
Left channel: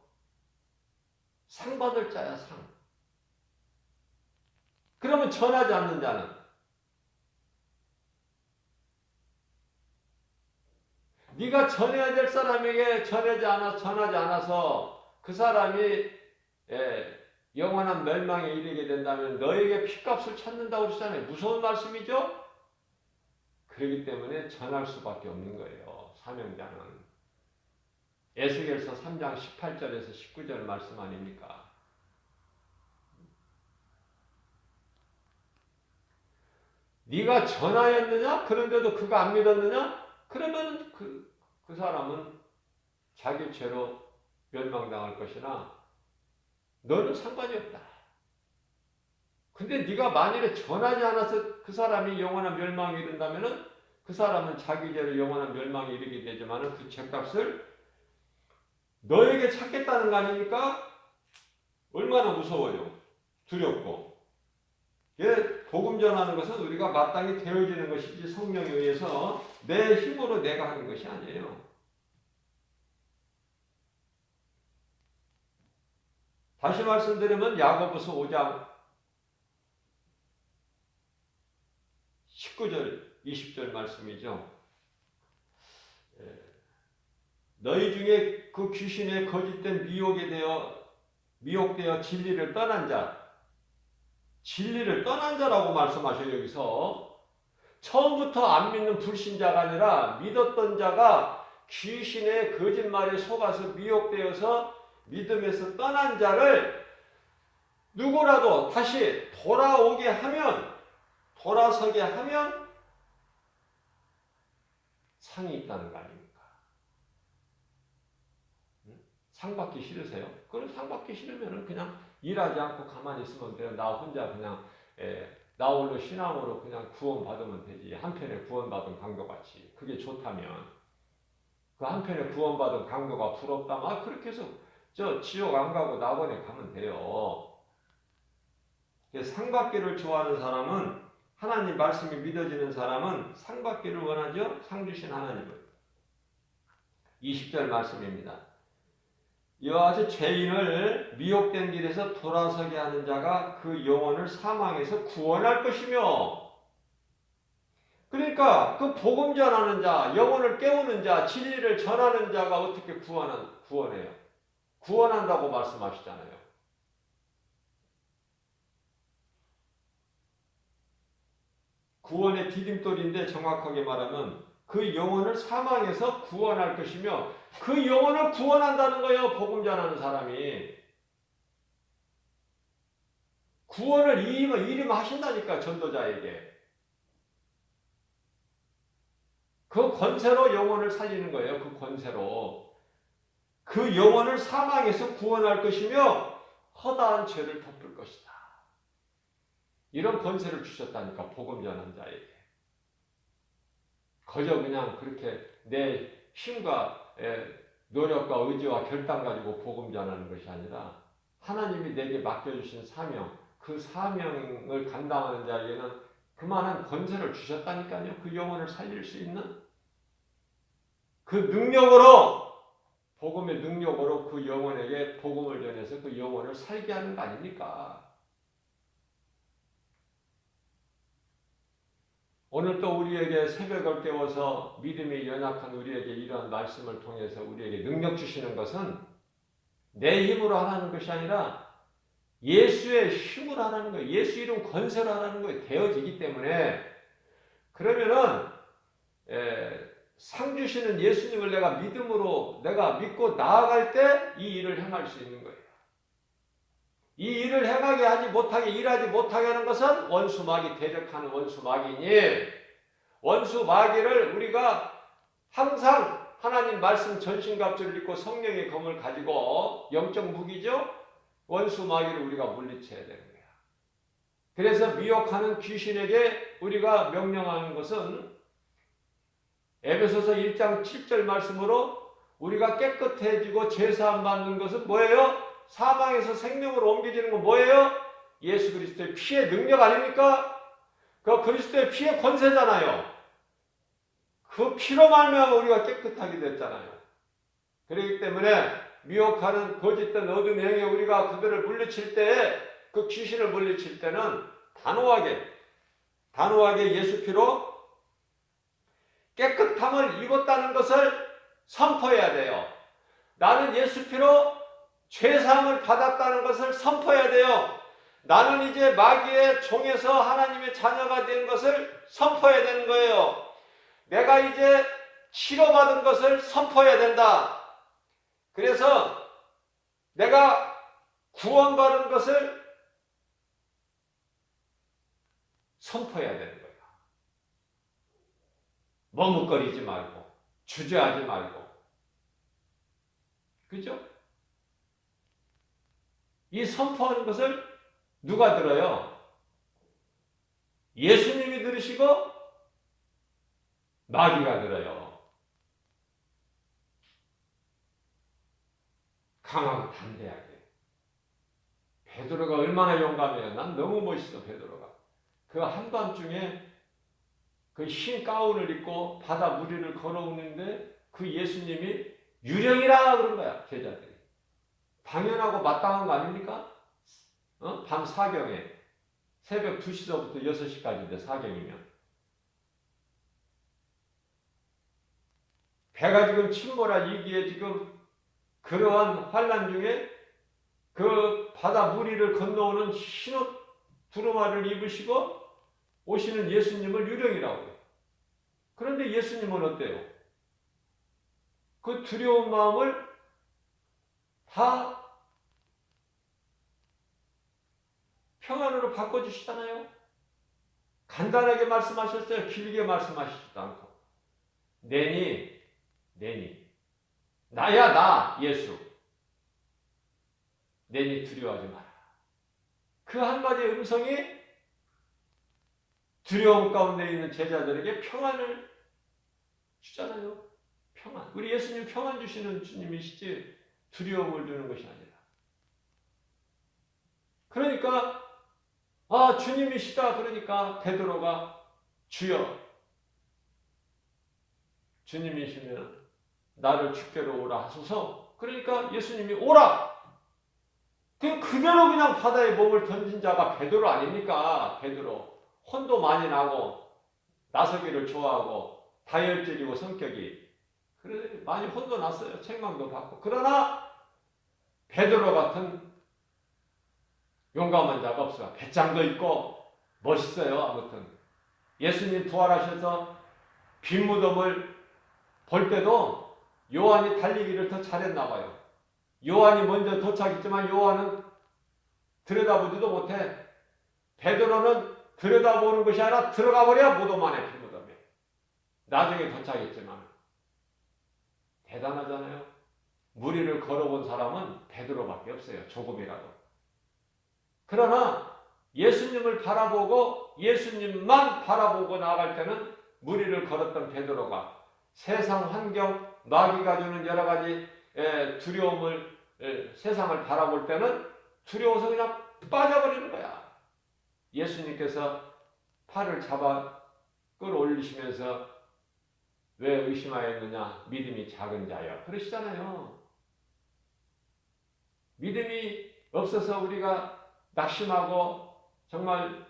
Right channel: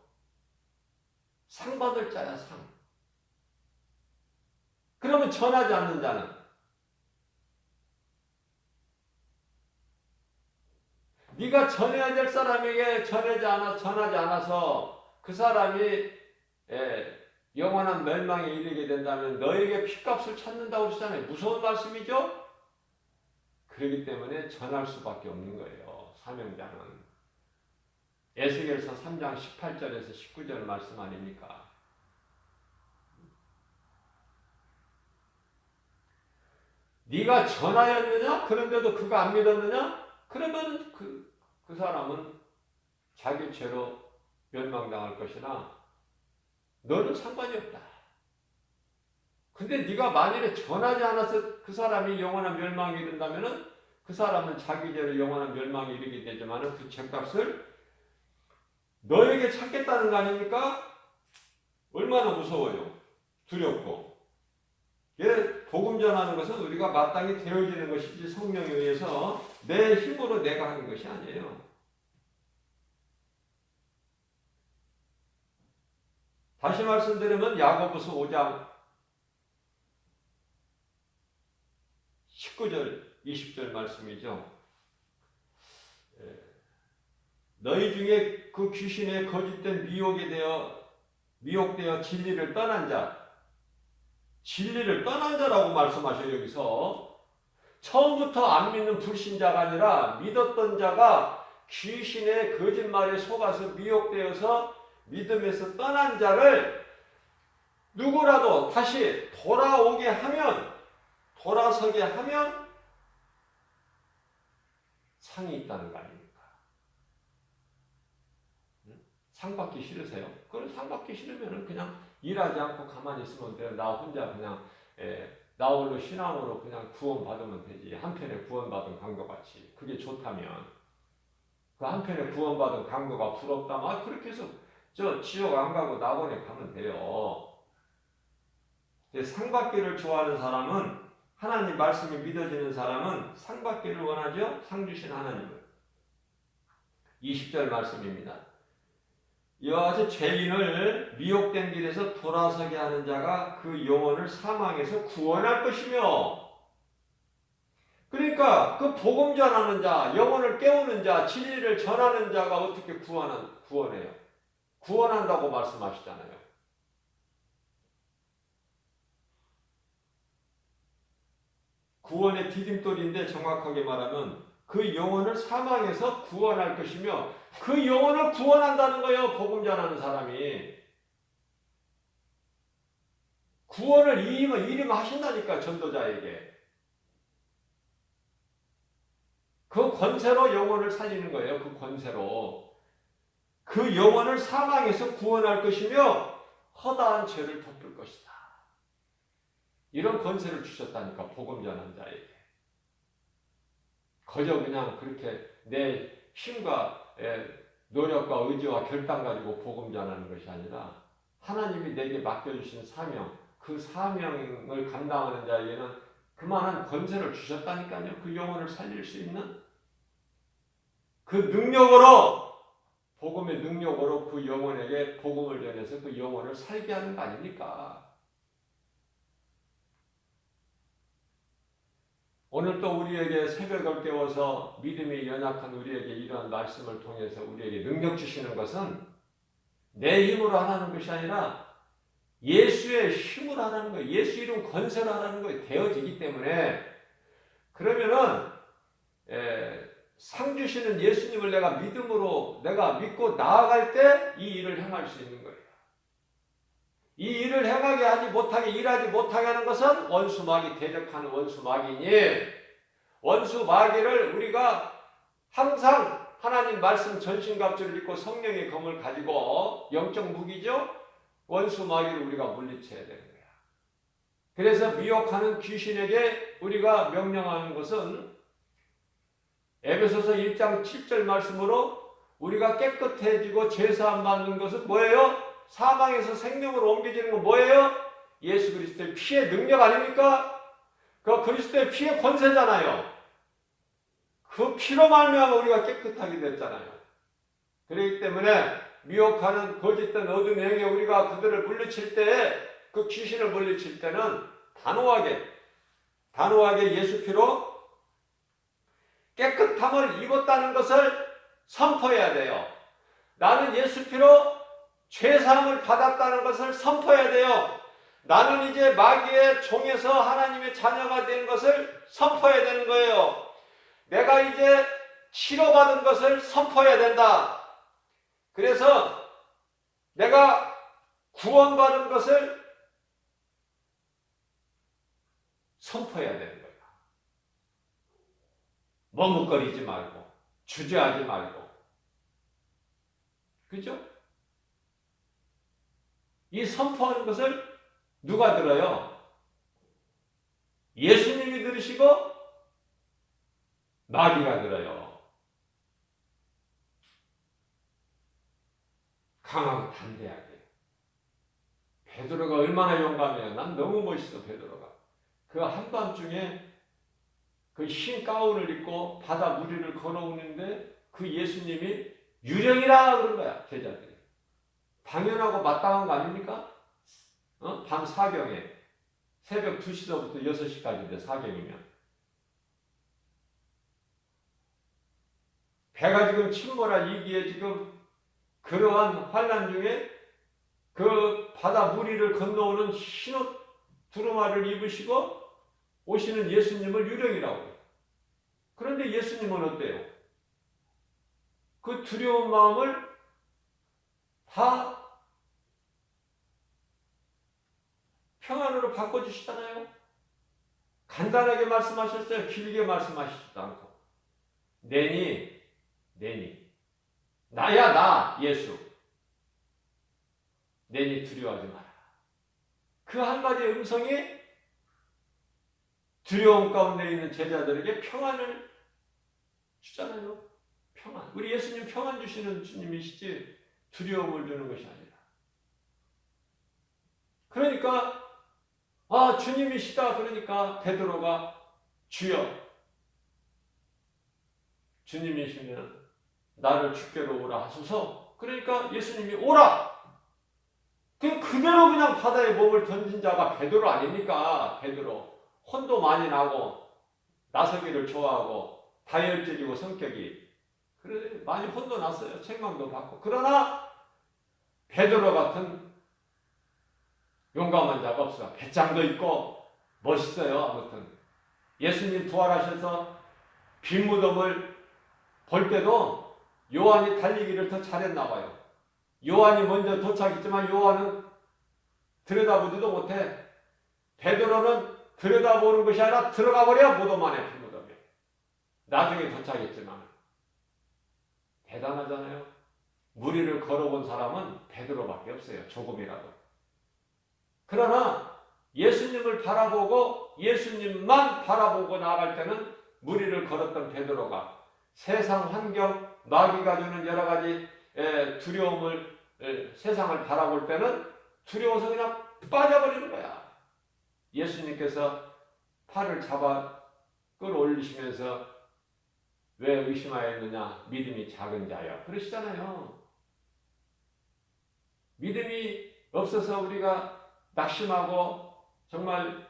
상 받을 자야, 상. 전하지 않는 자는 네가 전해야 될 사람에게 전하지 않아서 그 사람이 영원한 멸망에 이르게 된다면 너에게 핏값을 찾는다고 그러잖아요. 무서운 말씀이죠? 그렇기 때문에 전할 수밖에 없는 거예요. 사명자는. 에스겔서 3장 18절에서 19절 말씀 아닙니까? 네가 전하였느냐? 그런데도 그가 안 믿었느냐? 그러면 그 사람은 자기 죄로 멸망당할 것이나 너는 상관이 없다. 근데 네가 만일에 전하지 않아서 그 사람이 영원한 멸망에 이른다면은 그 사람은 자기 죄로 영원한 멸망에 이르게 되지만은 그 죄값을 너에게 찾겠다는 거 아닙니까? 얼마나 무서워요. 두렵고. 예, 복음 전하는 것은 우리가 마땅히 되어지는 것이지 성령에 의해서 내 힘으로 내가 하는 것이 아니에요. 다시 말씀드리면 야고보서 5장 19절 20절 말씀이죠. 너희 중에 그 귀신의 거짓된 미혹되어 진리를 떠난 자라고 말씀하셔요. 여기서 처음부터 안 믿는 불신자가 아니라 믿었던 자가 귀신의 거짓말에 속아서 미혹되어서 믿음에서 떠난 자를 누구라도 다시 돌아서게 하면 상이 있다는 거 아닙니까? 상 받기 싫으세요? 그럼 상 받기 싫으면 그냥 일하지 않고 가만히 있으면 돼요. 나 혼자 그냥 나 홀로 신앙으로 그냥 구원 받으면 되지. 한편에 구원받은 강도같이. 그게 좋다면 그 한편에 구원받은 강도가 부럽다면 그렇게 해서 저 지옥 안 가고 낙원에 가면 돼요. 상 받기를 좋아하는 사람은 하나님 말씀이 믿어지는 사람은 상 받기를 원하죠. 상 주신 하나님을. 20절 말씀입니다. 이와 같이 죄인을 미혹된 길에서 돌아서게 하는 자가 그 영혼을 사망에서 구원할 것이며, 그러니까 그 복음 전하는 자, 영혼을 깨우는 자, 진리를 전하는 자가 어떻게 구원해요? 구원한다고 말씀하시잖아요. 구원의 디딤돌인데 정확하게 말하면 그 영혼을 사망에서 구원할 것이며 그 영혼을 구원한다는 거예요. 복음 전하는 사람이. 구원을 이임하신다니까 전도자에게. 그 권세로 영혼을 살리는 거예요. 그 권세로. 그 영혼을 사망에서 구원할 것이며 허다한 죄를 덮을 것이다. 이런 권세를 주셨다니까 복음 전하는 자에게. 그저 그냥 그렇게 내 힘과 노력과 의지와 결단 가지고 복음 전하는 것이 아니라 하나님이 내게 맡겨주신 사명, 그 사명을 감당하는 자에게는 그만한 권세를 주셨다니까요. 그 영혼을 살릴 수 있는 그 능력으로, 복음의 능력으로 그 영혼에게 복음을 전해서 그 영혼을 살게 하는 거 아닙니까? 오늘 또 우리에게 새벽을 깨워서 믿음이 연약한 우리에게 이러한 말씀을 통해서 우리에게 능력 주시는 것은 내 힘으로 하라는 것이 아니라 예수의 힘으로 하라는 거예요. 예수 이름 권세로 하라는 거예요. 되어지기 때문에. 그러면은 상 주시는 예수님을 내가 믿고 나아갈 때 이 일을 행할 수 있는 거예요. 이 일을 일하지 못하게 하는 것은 원수마귀 대적하는 원수마귀니, 원수마귀를 우리가 항상 하나님 말씀 전신갑주를 입고 성령의 검을 가지고 영적 무기죠. 원수마귀를 우리가 물리쳐야 되는 거야. 그래서 미혹하는 귀신에게 우리가 명령하는 것은 에베소서 1장 7절 말씀으로 우리가 깨끗해지고 죄사함 받는 것은 뭐예요? 사망에서 생명으로 옮겨지는 건 뭐예요? 예수 그리스도의 피의 능력 아닙니까? 그 그리스도의 피의 권세잖아요. 그 피로 말미암아 우리가 깨끗하게 됐잖아요. 그렇기 때문에 미혹하는 거짓된 어둠의 영에 우리가 그들을 물리칠 때, 그 귀신을 물리칠 때는 단호하게 예수 피로 깨끗함을 입었다는 것을 선포해야 돼요. 나는 예수 피로 죄사함을 받았다는 것을 선포해야 돼요. 나는 이제 마귀의 종에서 하나님의 자녀가 된 것을 선포해야 되는 거예요. 내가 이제 치료받은 것을 선포해야 된다. 그래서 내가 구원받은 것을 선포해야 되는 거야. 머뭇거리지 말고, 주저하지 말고. 그죠? 이 선포하는 것을 누가 들어요? 예수님이 들으시고 마귀가 들어요. 강하고 담대하게. 베드로가 얼마나 용감해요. 난 너무 멋있어, 베드로가. 그 한밤중에 그 흰 가운을 입고 바다 무리를 걸어오는데 그 예수님이 유령이라 그런 거야, 제자들이. 당연하고 마땅한 거 아닙니까? 밤 사경에 새벽 2시서부터 6시까지인데 사경이면 배가 지금 침몰할 이기에 지금 그러한 환난 중에 그 바다 무리를 건너오는 흰 옷 두루마를 입으시고 오시는 예수님을 유령이라고. 그런데 예수님은 어때요? 그 두려운 마음을 다 평안으로 바꿔주시잖아요. 간단하게 말씀하셨어요. 길게 말씀하시지도 않고. 내니 나야 나 예수. 내니 두려워하지 마라. 그 한마디의 음성이 두려움 가운데 있는 제자들에게 평안을 주잖아요. 평안. 우리 예수님 평안 주시는 주님이시지 두려움을 주는 것이 아니라. 그러니까 주님이시다. 그러니까 베드로가 주여 주님이시면 나를 주께로 오라 하소서. 그러니까 예수님이 오라. 그대로 그냥 바다에 몸을 던진 자가 베드로 아닙니까? 베드로. 혼도 많이 나고 나서기를 좋아하고 다혈질이고 성격이 그래 많이 혼도 났어요. 책망도 받고. 그러나 베드로 같은 용감한 자가 없어요. 배짱도 있고 멋있어요. 아무튼 예수님 부활하셔서 빈 무덤을 볼 때도 요한이 달리기를 더 잘했나 봐요. 요한이 먼저 도착했지만 요한은 들여다보지도 못해. 베드로는 들여다보는 것이 아니라 들어가 버려 무덤 안에 빈 무덤에. 나중에 도착했지만 대단하잖아요. 무리를 걸어본 사람은 베드로밖에 없어요. 조금이라도. 그러나 예수님을 바라보고 예수님만 바라보고 나갈 때는 무리를 걸었던 베드로가 세상 환경, 마귀가 주는 여러 가지 두려움을 세상을 바라볼 때는 두려워서 그냥 빠져버리는 거야. 예수님께서 팔을 잡아 끌어올리시면서 왜 의심하였느냐? 믿음이 작은 자여. 그러시잖아요. 믿음이 없어서 우리가 낙심하고 정말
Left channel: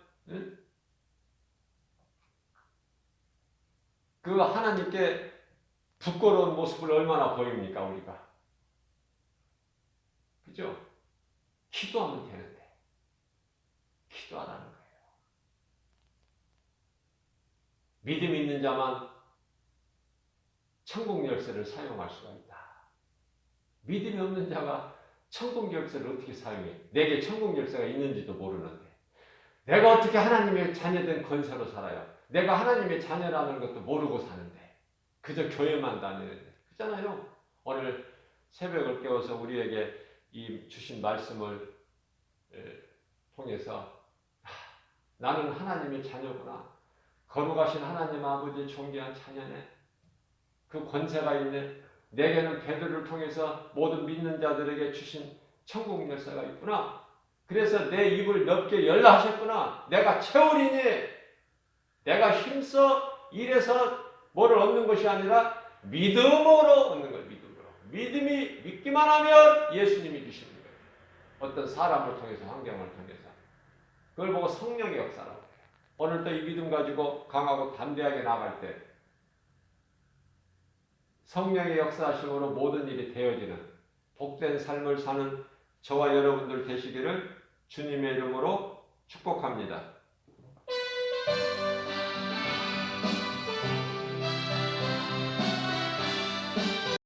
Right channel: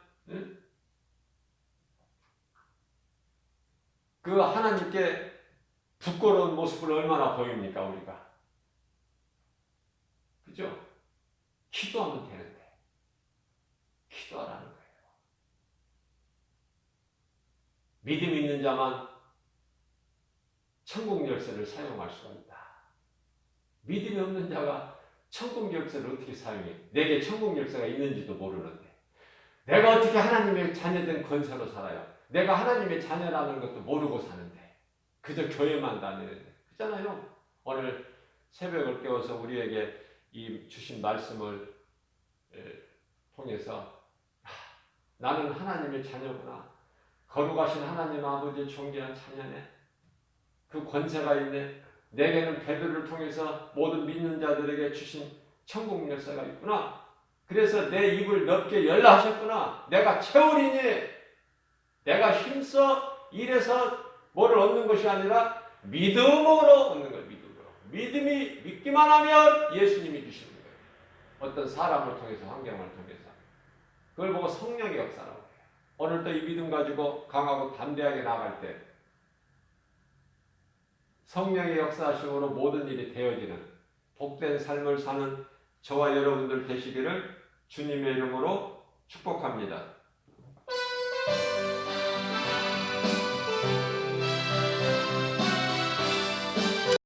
그 하나님께 부끄러운 모습을 얼마나 보입니까 우리가. 그죠? 기도하면 되는데 기도 안 하는 거예요. 믿음 있는 자만 천국 열쇠를 사용할 수가 있다. 믿음이 없는 자가 천국 열쇠를 어떻게 사용해? 내게 천국 열쇠가 있는지도 모르는데 내가 어떻게 하나님의 자녀된 권세로 살아요? 내가 하나님의 자녀라는 것도 모르고 사는데 그저 교회만 다니는데 그렇잖아요. 오늘 새벽을 깨워서 우리에게 이 주신 말씀을 통해서 나는 하나님의 자녀구나. 거룩하신 하나님 아버지의 존귀한 자녀네. 그 권세가 있네. 내게는 베드로를 통해서 모든 믿는 자들에게 주신 천국 열쇠가 있구나. 그래서 내 입을 넓게 열라 하셨구나. 내가 채우리니 내가 힘써 일해서 뭐를 얻는 것이 아니라 믿음으로 얻는 거예요. 믿음으로. 믿음이 믿기만 하면 예수님이 주시는 거예요. 어떤 사람을 통해서 환경을 통해서. 그걸 보고 성령의 역사라고 해요. 오늘도 이 믿음 가지고 강하고 담대하게 나아갈 때 성령의 역사하심으로 모든 일이 되어지는 복된 삶을 사는 저와 여러분들 되시기를 주님의 이름으로 축복합니다.